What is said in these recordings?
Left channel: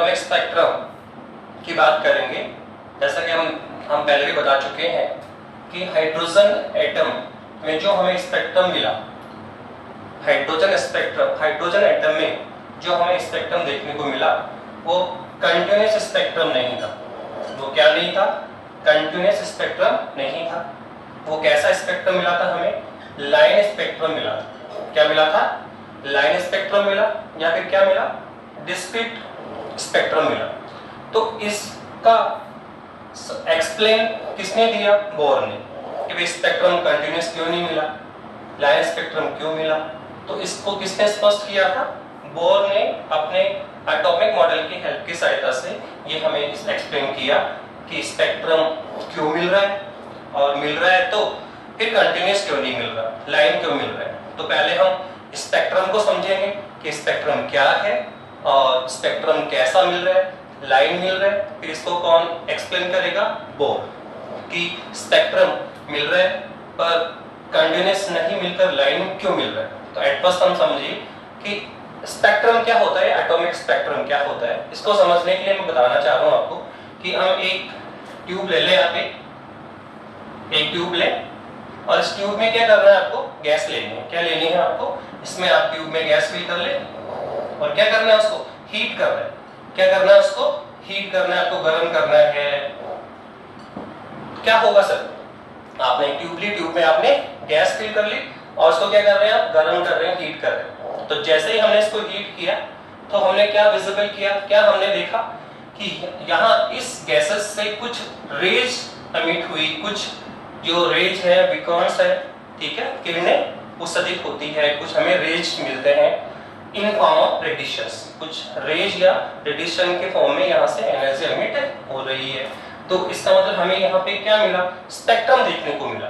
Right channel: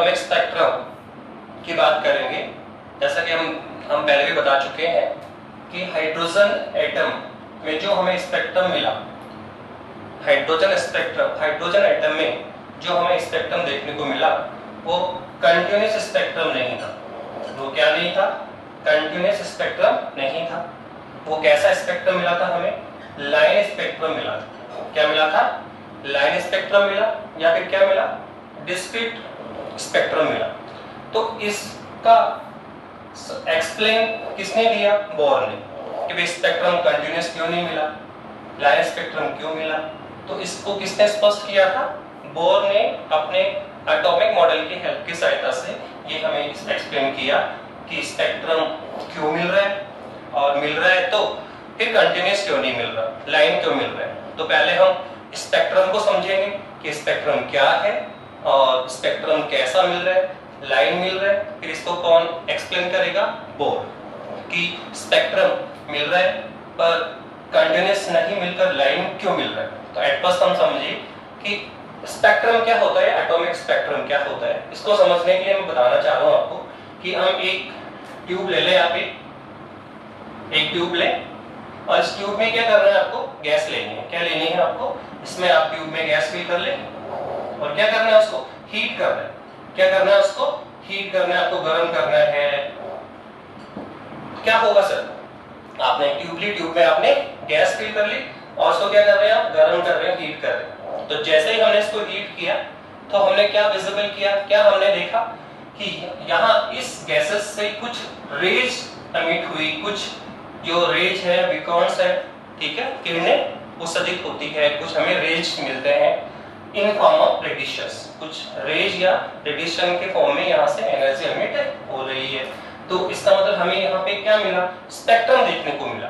Atomic spectrum की बात करेंगे। जैसा कि हम पहले भी बता चुके हैं कि हाइड्रोजन एटम में जो हमें स्पेक्ट्रम मिला, हाइड्रोजन एटम में जो हमें स्पेक्ट्रम देखने को मिला वो कंटिन्यूअस स्पेक्ट्रम नहीं था। वो क्या नहीं था? कंटिन्यूअस स्पेक्ट्रम नहीं था। वो कैसा स्पेक्ट्रम मिला था? हमें लाइन स्पेक्ट्रम मिला था। क्या मिला था? लाइन स्पेक्ट्रम मिला, या फिर क्या मिला? डिस्क्रीट स्पेक्ट्रम मिला। तो इसका एक्सप्लेन किसने दिया? बोर ने, कि भाई स्पेक्ट्रम कंटिन्यूअस क्यों नहीं मिला, लाइन स्पेक्ट्रम क्यों मिला। तो इसको किसने स्पष्ट किया था? बोर ने अपने एटॉमिक मॉडल की हेल्प की सहायता से ये हमें एक्सप्लेन किया कि स्पेक्ट्रम क्यों मिल रहा है, और मिल रहा है तो फिर कंटिन्यूअस क्यों नहीं मिल रहा, लाइन क्यों मिल रहा है। तो पहले हम स्पेक्ट्रम को समझेंगे कि स्पेक्ट्रम क्या है और स्पेक्ट्रम कैसा मिल रहा है, लाइन मिल रहा है। फिर इसको कौन एक्सप्लेन करेगा? बोर, कि स्पेक्ट्रम मिल रहा है पर कंटिन्यूअस नहीं मिलकर लाइन क्यों मिल रहा है। तो एट फर्स्ट हम समझिए कि स्पेक्ट्रम क्या होता है, एटॉमिक स्पेक्ट्रम क्या होता है। इसको समझने के लिए मैं बताना चाह रहा हूं आपको कि हम एक ट्यूब ले लें, यहाँ पे एक ट्यूब लें और इस ट्यूब में क्या करना है आपको? गैस लेनी है। क्या लेनी है आपको? इसमें आप ट्यूब में गैस फिल कर ले और क्या करना है? उसको हीट करना है। क्या करना है? उसको हीट करना है, आपको गर्म करना है। क्या होगा सर? आपने ट्यूब ली, ट्यूब में आपने गैस फिल कर ली और उसको क्या कर रहे हैं आप? गर्म कर रहे हैं, हीट कर रहे हैं। तो जैसे ही हमने इसको हीट किया तो हमने क्या विजिबल किया? क्या हमने देखा कि यहाँ इस गैसेस से कुछ रेज एमिट हुई, कुछ जो रेज है, बीकॉन्स है, ठीक है, किरणें उत्सर्जित होती है, कुछ हमें रेज मिलते हैं इन फॉर्म ऑफ रेडिएशंस। कुछ रेज या रेडिएशन के फॉर्म में यहाँ से एनर्जी एमिट हो रही है। तो इसका मतलब हमें यहाँ पे क्या मिला? स्पेक्ट्रम देखने को मिला।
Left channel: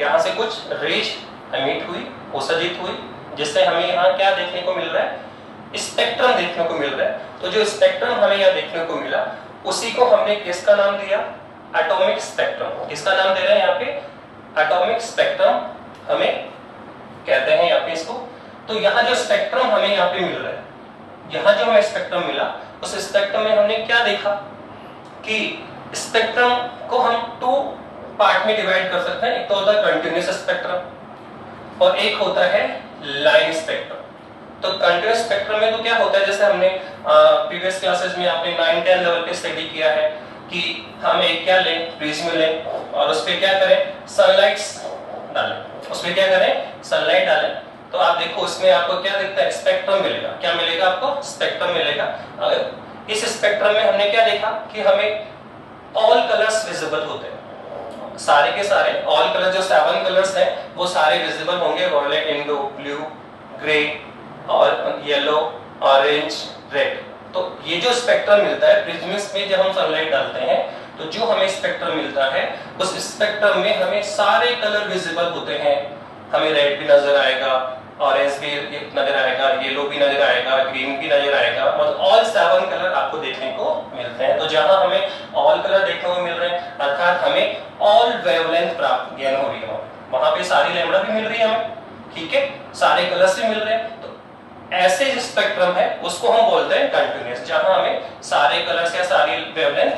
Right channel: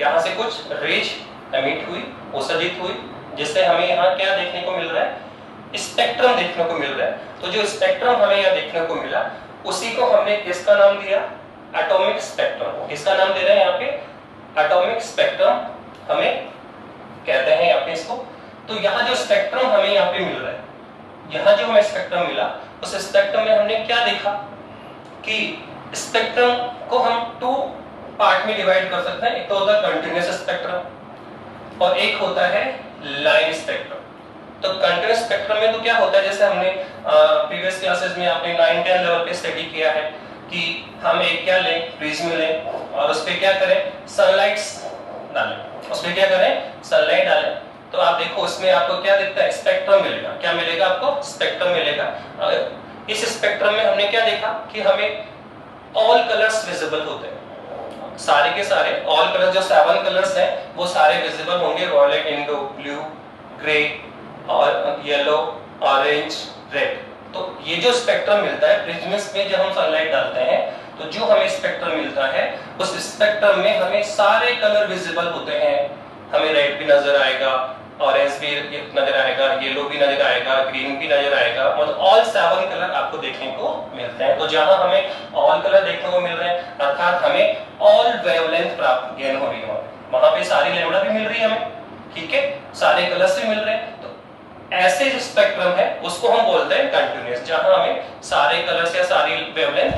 यहाँ से कुछ रेज एमिट हुई, उत्सर्जित हुई, जिससे हमें यहाँ क्या देखने को मिल रहा है? स्पेक्ट्रम देखने को मिल रहा है। तो जो स्पेक्ट्रम हमें यहाँ देखने को मिला उसी को हमने किसका नाम दिया? Atomic spectrum. किसका नाम दे रहे हैं यहाँ पे? एटॉमिक स्पेक्ट्रम हमें कहते हैं यहाँ पे इसको। तो यहाँ जो स्पेक्ट्रम हमें यहाँ पे मिल रहा है, यहाँ जो हमें स्पेक्ट्रम मिला, उस स्पेक्ट्रम में हमने क्या देखा कि स्पेक्ट्रम को हम टू पार्ट में डिवाइड कर सकते हैं। एक तो होता है कंटिन्यूअस स्पेक्ट्रम और एक होता है लाइन स्पेक्ट्रम। तो कंटिन्यूअस स्पेक्ट्रम में तो क्या होता है, जैसे हमने प्रीवियस क्लासेस में आपने 9-10 लेवल पे स्टडी किया है कि हम एक क्या लें? प्रिज्म लें और उस पे क्या करें? सनलाइट डालें। उसमें क्या करें? सनलाइट डालें। तो आप देखो इसमें आपको क्या दिखता है? स्पेक्ट्रम मिलेगा। क्या मिलेगा आपको? स्पेक्ट्रम मिलेगा। इस स्पेक्ट्रम में हमने क्या देखा कि हमें ऑल कलर्स विजिबल होते हैं। सारे के सारे ऑल कलर, जो 7 कलर्स हैं वो सारे विजिबल होंगे। वॉयलेट, इंडिगो, ब्लू, ग्रे और येलो, ऑरेंज, रेड। तो ये जो स्पेक्ट्रम मिलता है प्रिज्म्स में, जब हम सनलाइट डालते हैं तो जो हमें स्पेक्ट्रम मिलता है उस स्पेक्ट्रम में हमें सारे कलर विजिबल होते हैं। हमें रेड भी नजर आएगा, ऑरेंज भी नजर आएगा, येलो भी नजर आएगा, ग्रीन भी नजर आएगा, और ऑल 7 कलर आपको देखने को मिलते हैं। तो जहां हमें ऑल कलर देखने को मिल रहे हैं अर्थात हमें ऑल वेवलेंथ प्राप्त गेन हो रही है, वहां पे सारी लैम्डा भी मिल रही है हमें, ठीक है, सारे कलर्स भी मिल रहे हैं। तो ऐसे जो स्पेक्ट्रम है उसको हम बोलते हैं कंटिन्यूअस। जहां हमें सारे कलर्स या सारी वेवलेंथ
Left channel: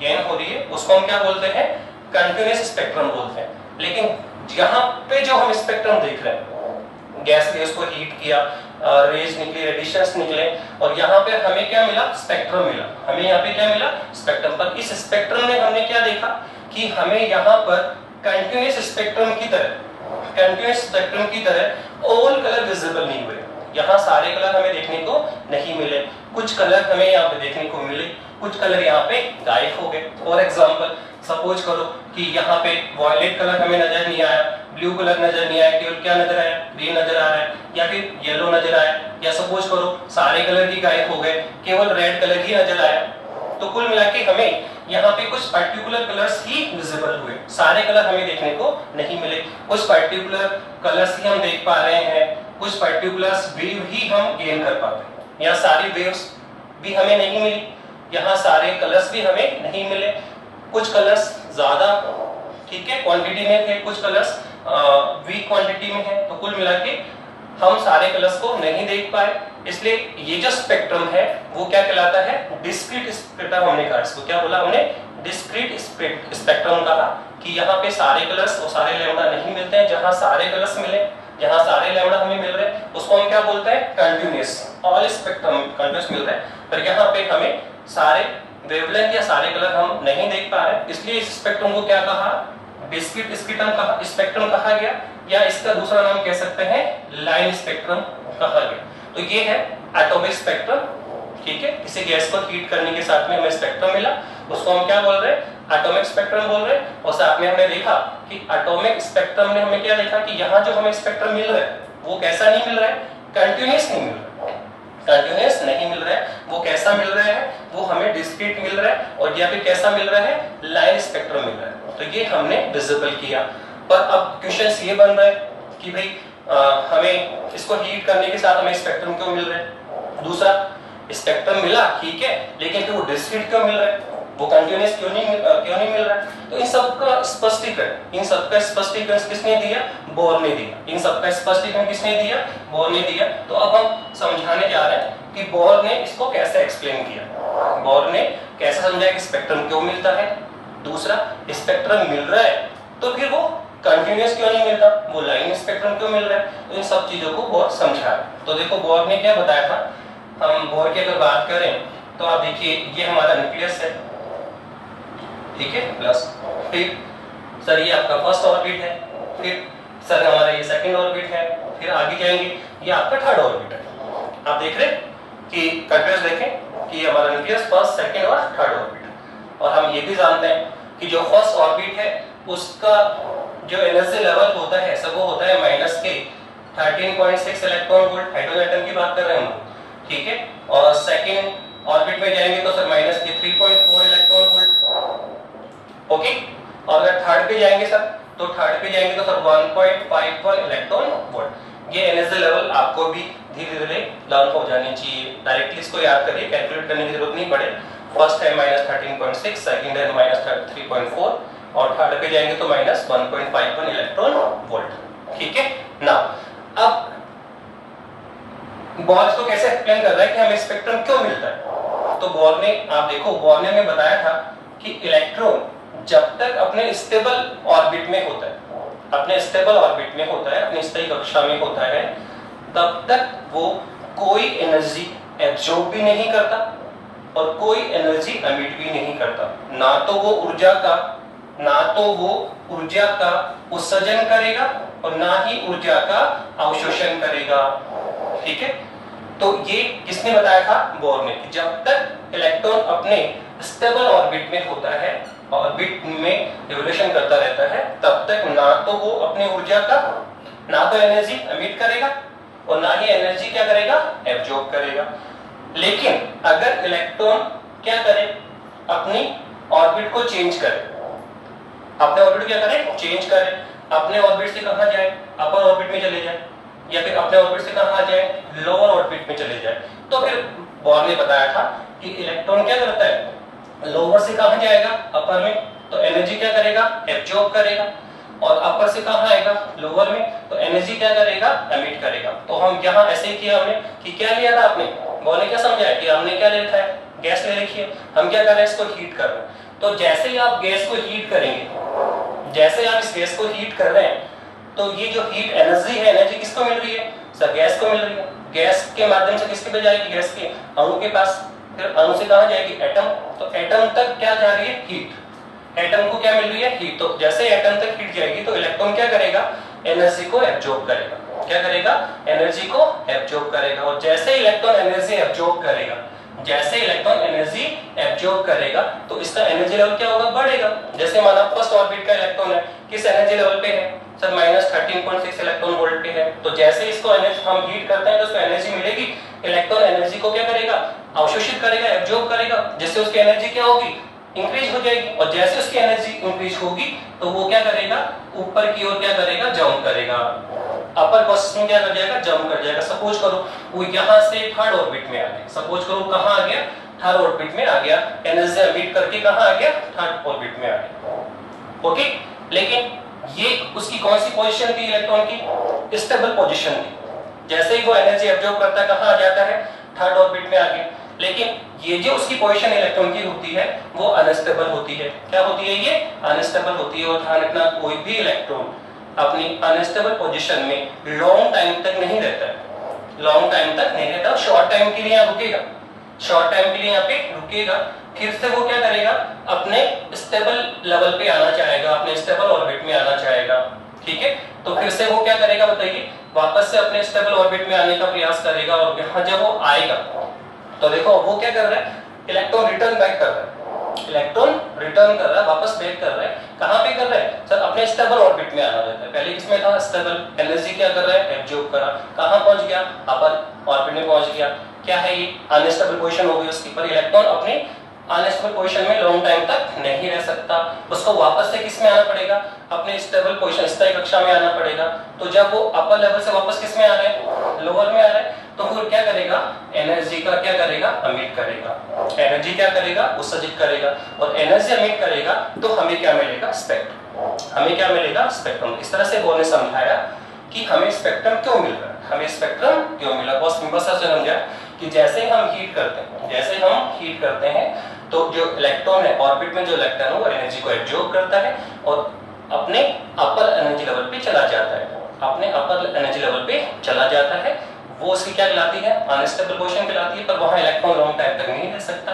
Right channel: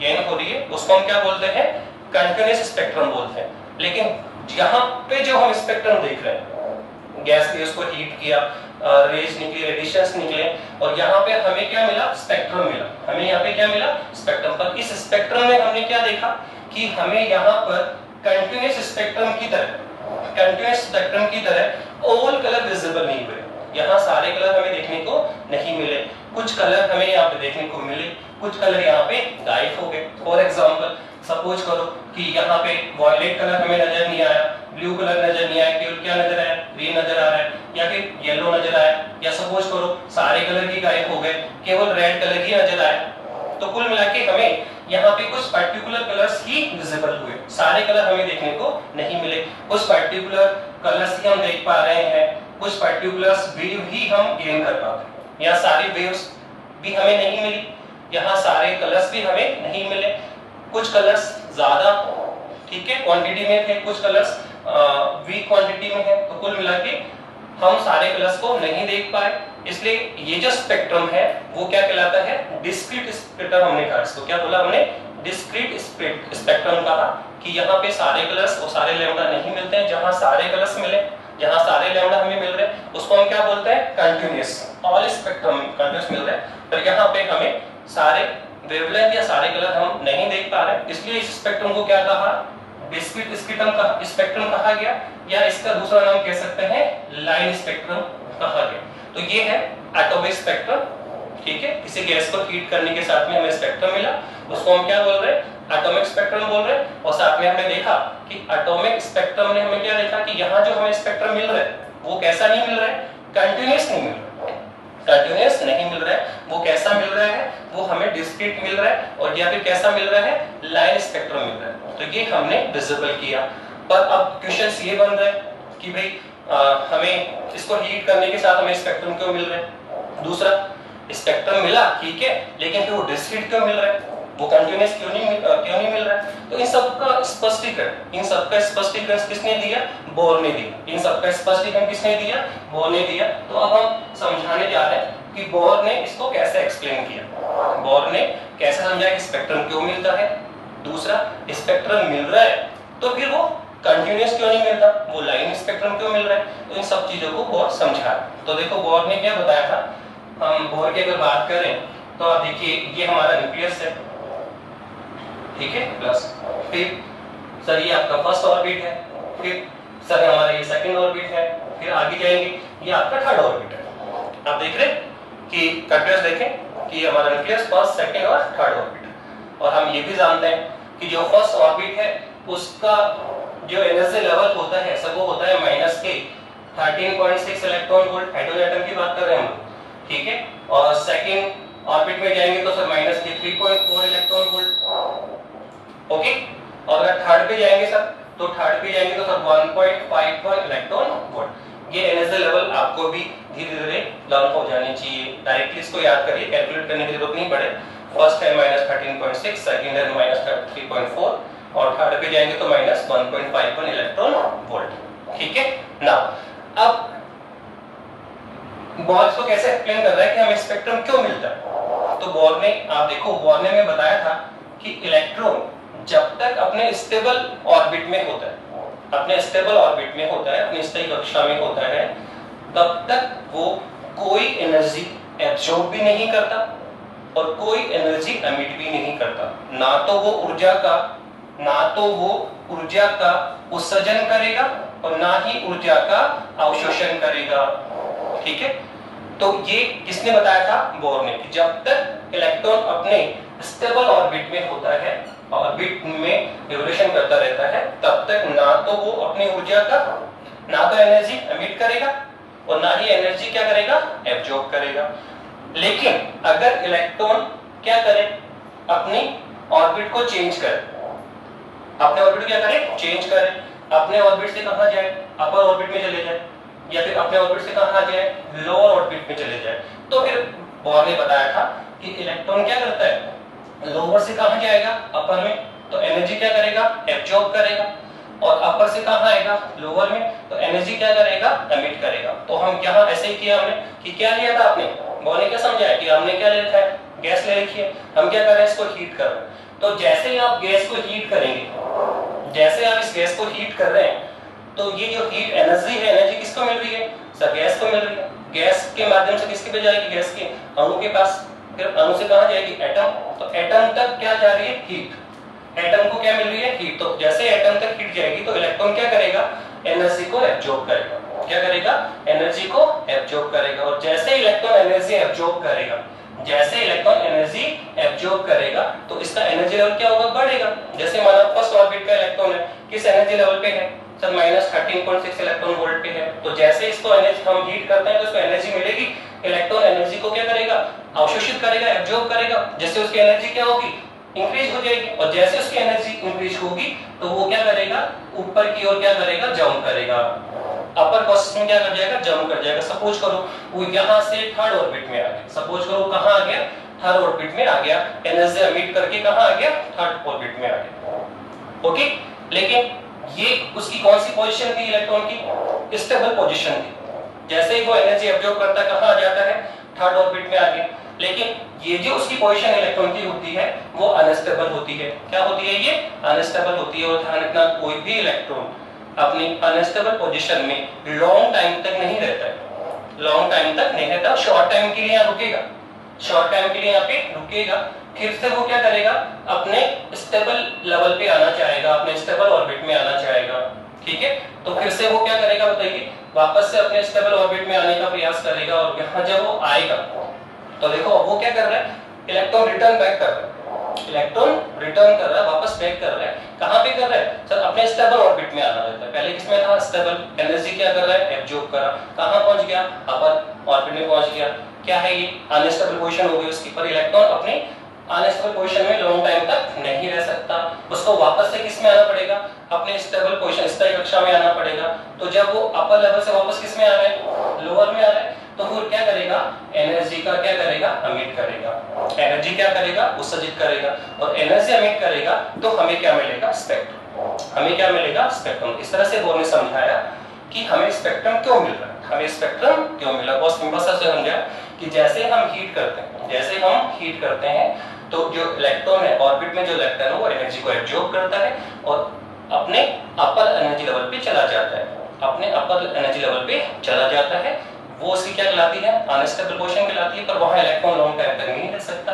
गेन हो रही है उसको हम क्या बोलते हैं? कंटिन्यूअस स्पेक्ट्रम बोलते हैं। लेकिन यहाँ पे जो हम स्पेक्ट्रम देख रहे हैं, गैस के उसको हीट किया, रेज निकली, रेडिएशंस निकले, और यहाँ पे हमें क्या मिला? स्पेक्ट्रम मिला। हमें यहाँ पे क्या मिला? स्पेक्ट्रम। पर इस स्पेक्ट्रम में हमने क्या देखा कि हमें यहाँ पर कंटिन्यूअस स्पेक्ट्रम की तरह ऑल कलर विजिबल नहीं हुए। यहाँ सारे कलर हमें देखने को नहीं मिले, कुछ कलर हमें यहाँ पे देखने को मिले, कुछ कलर यहाँ पे गायब हो गए। फॉर एग्जाम्पल सपोज करो कि यहाँ पे वॉयलेट कलर हमें नजर नहीं आया, ब्लू कलर नजर नहीं आया, केवल क्या नजर आया? ग्रीन नजर आ रहा है, या फिर येलो नजर आया, या सपोज करो सारे कलर ही गायब हो गए, केवल रेड कलर ही नजर आया। तो कुल मिला के हमें यहाँ पे कुछ पर्टिकुलर कलर्स ही विजिबल हुए, सारे कलर हमें देखने को नहीं मिले। कुछ पर्टिकुलर कलर्स ही हम देख पा रहे हैं, कुछ पर्टिकुलर वेव ही हम गेन कर पाते हैं। यहाँ सारी वेव्स भी हमें नहीं मिली, यहाँ सारे कलर्स भी हमें नहीं मिले। कुछ कलर्स ज्यादा, ठीक है, क्वांटिटी में थे, कुछ कलर्स वीक क्वांटिटी में है। तो कुल मिला के हम सारे कलर्स को नहीं देख पाए, इसलिए ये जो स्पेक्ट्रम है वो क्या कहलाता है, डिस्क्रीट स्पेक्ट्रम हमने कहा। इसको क्या बोला हमने, डिस्क्रीट स्पेक्ट्रम कहा कि यहाँ पे सारे कलर्स और सारे लैम्डा नहीं मिलते हैं। जहां सारे कलर्स मिले, जहां सारे लैम्डा हमें मिल रहे हैं उसको हम क्या बोलते हैं, कंटिन्यूअस। ऑल स्पेक्ट्रम कंटिन्यूअस मिल रहा है, पर यहाँ पे हमें सारे वेवलेंथ या सारे कलर हम नहीं देख पा रहे, इसलिए इस स्पेक्ट्रम को क्या कहा, डिस्क्रीट स्पेक्ट्रम कहा गया, या इसका दूसरा नाम कह सकते हैं लाइन स्पेक्ट्रम कहा गया। तो ये है एटॉमिक स्पेक्ट्रम, ठीक है। किसी गैस को हीट करने के साथ में हमें स्पेक्ट्रम मिला, उसको हम क्या बोल रहे हैं, एटॉमिक स्पेक्ट्रम बोल रहे हैं। और साथ में हमने देखा कि एटॉमिक स्पेक्ट्रम ने हमें क्या देखा कि यहाँ जो हमें स्पेक्ट्रम मिल रहा है वो कैसा नहीं मिल रहा है, कंटिन्यूअस नहीं मिल रहा है, कंटिन्यूअस नहीं मिल रहा है। वो कैसा मिल रहा है, वो हमें डिस्क्रीट मिल रहा है, और या फिर कैसा मिल रहा है, लाइन स्पेक्ट्रम मिल रहा है। तो ये हमने विजिबल किया। पर अब क्वेश्चंस ये बन रहा है कि भाई हमें इसको हीट करने के साथ हमें स्पेक्ट्रम क्यों मिल रहा है, दूसरा स्पेक्ट्रम मिला ठीक है, लेकिन फिर वो डिस्क्रीट क्यों मिल रहा है, वो कंटिन्यूअस क्यों नहीं मिल रहा है। तो इन सबका स्पष्टीकरण किसने दिया, बोर ने दिया। इन सबका स्पष्टीकरण किसने दिया, बोर ने दिया। तो अब हम समझाने जा रहे हैं कि बोर ने इसको कैसे एक्सप्लेन किया। बोर ने कैसे समझाया कि स्पेक्ट्रम क्यों मिलता है, दूसरा स्पेक्ट्रम मिल रहा है तो फिर वो कंटिन्यूअस क्यों नहीं मिलता, वो लाइन स्पेक्ट्रम क्यों मिल रहा है। तो इन सब चीजों को बोर समझाया। तो देखो बोर ने क्या बताया था, हम बोर की अगर बात करें तो आप देखिए ये हमारा न्यूक्लियस है, ठीक है, प्लस फिर सर ये आपका फर्स्ट ऑर्बिट है, फिर सर हमारा ये सेकंड ऑर्बिट है, फिर आगे जाएंगे ये आपका थर्ड ऑर्बिट है। आप देख रहे कि कंटिन्यूअस देखें कि हमारा न्यूक्लियस फर्स्ट सेकंड और थर्ड ऑर्बिट। और हम ये भी जानते हैं कि जो फर्स्ट ऑर्बिट है उसका जो एनर्जी लेवल होता है सब वो होता है माइनस के 13.6 इलेक्ट्रॉन वोल्ट, हाइड्रोजन एटम की बात कर रहे हैं हम, ठीक है। और सेकंड ऑर्बिट में जाएंगे तो सर माइनस के 3.4 इलेक्ट्रॉन वोल्ट, ओके। और अगर थर्ड पे जाएंगे सर, तो थर्ड पे जाएंगे तो सर 1.51 इलेक्ट्रॉन वोल्ट। ये एनर्जी लेवल आपको भी धीरे धीरे डाउन हो जानी चाहिए, डायरेक्टली इसको याद करिए, कैलकुलेट करने की जरूरत नहीं पड़े। फर्स्ट है माइनस 13.6, सेकंड है माइनस 3.4, और थर्ड पे जाएंगे तो माइनस 1.51 इलेक्ट्रॉन वोल्ट, ठीक है ना। अब बोर इसको कैसे एक्सप्लेन कर रहा है कि हमें स्पेक्ट्रम क्यों मिलता है। तो बोर ने, आप देखो बोर ने हमें बताया था कि इलेक्ट्रॉन जब तक अपने स्टेबल ऑर्बिट में होता है, अपने स्टेबल ऑर्बिट में होता है, अपनी स्थायी कक्षा में होता है, तब तक वो कोई एनर्जी एब्जॉर्ब भी नहीं करता और कोई एनर्जी एमिट भी नहीं करता। ना तो वो ऊर्जा का उत्सर्जन करेगा और ना ही ऊर्जा का अवशोषण करेगा, ठीक है। तो ये किसने बताया था, बोर ने, कि जब तक इलेक्ट्रॉन अपने स्टेबल ऑर्बिट में होता है, ऑर्बिट में रिवोल्यूशन करता रहता है, तब तक ना तो वो अपनी ऊर्जा का, ना तो एनर्जी एमिट करेगा और ना ही एनर्जी क्या करेगा, एब्जॉर्ब करेगा। लेकिन अगर इलेक्ट्रॉन क्या करे, अपनी ऑर्बिट को चेंज करे, अपने ऑर्बिट क्या करे, चेंज करे, अपने ऑर्बिट से कहां जाए, अपर ऑर्बिट में चले जाए, या फिर अपने ऑर्बिट से कहां जाए, लोअर ऑर्बिट में चले जाए। तो फिर बोर ने बताया था कि इलेक्ट्रॉन क्या करता है, लोअर से कहां जाएगा, अपर में, तो एनर्जी क्या करेगा, एब्जॉर्ब करेगा, और अपर से कहां आएगा, लोअर में, तो एनर्जी क्या करेगा, एमिट करेगा। तो हम यहाँ ऐसे ही किया हमने कि क्या लिया था आपने, बोर ने क्या समझाया कि हमने क्या ले रखा है, गैस ले रखी है, हम क्या कर रहे हैं, इसको हीट कर रहे हैं। तो जैसे ही आप गैस को हीट करेंगे, जैसे आप इस गैस को हीट कर रहे हैं, तो ये जो हीट एनर्जी है, एनर्जी किसको मिल रही है, सर गैस को मिल रही है। गैस के माध्यम से किसके पे जाएगी, गैस के अणु के पास, फिर अणु से कहां जाएगी, एटम, तो एटम तक क्या जा रही है, हीट। एटम को क्या मिल रही है, हीट। तो जैसे एटम तक हीट जाएगी तो इलेक्ट्रॉन क्या करेगा, एनर्जी को एब्जॉर्ब करेगा, क्या करेगा, एनर्जी को एब्जॉर्ब करेगा। और जैसे इलेक्ट्रॉन एनर्जी एब्जॉर्ब करेगा, जैसे इलेक्ट्रॉन एनर्जी एब्जॉर्ब करेगा, तो इसका एनर्जी लेवल क्या होगा, बढ़ेगा। जैसे माना फर्स्ट ऑर्बिट का इलेक्ट्रॉन है, किस एनर्जी लेवल पे है सर, माइनस 13.6 इलेक्ट्रॉन वोल्ट पे है। तो जैसे इसको एनर्जी हम हीट करते हैं तो उसको एनर्जी मिलेगी, इलेक्ट्रॉन एनर्जी को क्या करेगा, अवशोषित करेगा, एब्जॉर्ब करेगा। जैसे उसकी एनर्जी क्या होगी, इंक्रीज हो जाएगी, और जैसे उसकी एनर्जी इंक्रीज होगी तो वो क्या करेगा, ऊपर की ओर क्या करेगा, जंप करेगा, अपर प्रोसेस में क्या कर जाएगा, जंप कर जाएगा। सपोज करो वो यहाँ से थर्ड ऑर्बिट में आ गया, सपोज करो कहां आ गया, थर्ड ऑर्बिट में आ गया, एनर्जी एमिट करके कहां आ गया, थर्ड ऑर्बिट में आ गया, ओके। लेकिन ये उसकी कौन सी पोजीशन थी, इलेक्ट्रॉन की स्टेबल पोजीशन थी, जैसे ही वो एनर्जी एब्जॉर्ब करता है कहाँ आ जाता है, थर्ड ऑर्बिट में आ गया। लेकिन ये जो उसकी पोजीशन इलेक्ट्रॉन की होती है वो अनस्टेबल होती है। क्या होती है ये? अनस्टेबल होती है। और ध्यान रखना कोई भी इलेक्ट्रॉन अपनी अनस्टेबल पोजीशन में लॉन्ग टाइम तक नहीं रहता है, लॉन्ग टाइम तक नहीं रहता, शॉर्ट टाइम के लिए यहाँ रुकेगा, शॉर्ट टाइम के लिए यहाँ पे रुकेगा, फिर से वो क्या करेगा, अपने स्टेबल लेवल पे आना चाहेगा, अपने स्टेबल ऑर्बिट में आना चाहेगा। ठीक है, तो फिर से वो क्या करेगा बताइए, वापस से अपने स्टेबल ऑर्बिट में आने का प्रयास करेगा। और यहाँ जब वो आएगा तो देखो वो क्या कर रहा है, इलेक्ट्रॉन रिटर्न बैक कर रहा है, इलेक्ट्रॉन रिटर्न कर रहा है, वापस बैक कर रहा है। कहां पे कर रहा है सर? अपने स्टेबल ऑर्बिट में आना रहता है। पहले किसमें था? स्टेबल। एनर्जी क्या कर रहा है? एब्जॉर्ब करा। कहां पहुंच गया? अपर ऑर्बिट में पहुंच गया। क्या है ये? अनस्टेबल पोजीशन हो गई उसकी, पर इलेक्ट्रॉन अपने अनस्टेबल पोजीशन में लॉन्ग टाइम तक नहीं रह सकता, उसको वापस से किस में आना पड़ेगा? अपने स्टेबल पोजीशन, स्थायी कक्षा में आना पड़ेगा। तो जब वो अपर लेवल से वापस किस में आ रहा है? लोअर में आ रहा है, तो फिर क्या करेगा? एनर्जी का क्या करेगा? अमिट करेगा। एनर्जी क्या करेगा? उत्सर्जित करेगा। और एनर्जी अमिट करेगा तो हमें क्या मिलेगा? स्पेक्ट्रम। हमें क्या मिलेगा? स्पेक्ट्रम। इस तरह से बोर्ड ने समझाया कि हमें स्पेक्ट्रम क्यों मिल रहा है, हमें स्पेक्ट्रम क्यों मिला। बहुत सिंपल सा समझा कि जैसे हम हीट करते हैं, जैसे हम हीट करते हैं तो जो इलेक्ट्रॉन है ऑर्बिट में, जो इलेक्ट्रॉन है वो एनर्जी को एब्जॉर्ब करता है और अपने अपर एनर्जी लेवल पे चला जाता है, अपने अपर एनर्जी लेवल पे चला जाता है। वो उसकी क्या कहलाती है? अनस्टेबल पोजीशन कहलाती है, पर वहां इलेक्ट्रॉन लॉन्ग टाइम तक नहीं रह सकता।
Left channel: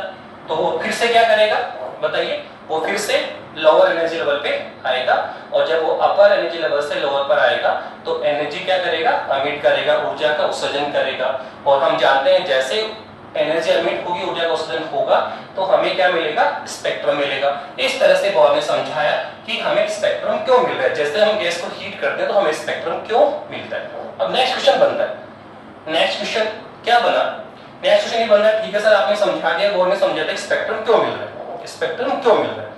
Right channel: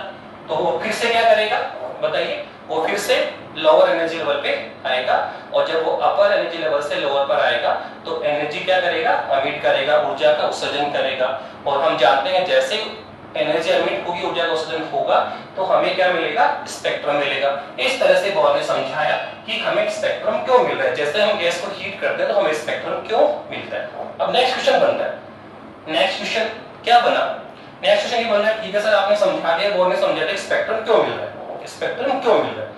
तो वो फिर से क्या करेगा बताइए? वो फिर से लोअर एनर्जी लेवल पे आएगा, और जब वो अपर एनर्जी लेवल से लोअर पर आएगा तो एनर्जी क्या करेगा? अमिट करेगा, ऊर्जा का उत्सर्जन करेगा। और हम जानते हैं जैसे एनर्जी अमिट होगी, ऊर्जा का उत्सर्जन होगा, तो हमें क्या मिलेगा? स्पेक्ट्रम मिलेगा। इस तरह से बोर ने समझाया कि हमें स्पेक्ट्रम क्यों मिल रहा है, जैसे हम गैस को हीट करते हैं तो हमें स्पेक्ट्रम क्यों मिलता है। अब नेक्स्ट क्वेश्चन बनता है, नेक्स्ट क्वेश्चन क्या बना? नेक्स्ट क्वेश्चन ये बन रहा है, ठीक है सर आपने समझा दिया, बोर्ड ने समझा दिया स्पेक्ट्रम क्यों मिल रहा है, स्पेक्ट्रम क्यों मिल रहा है,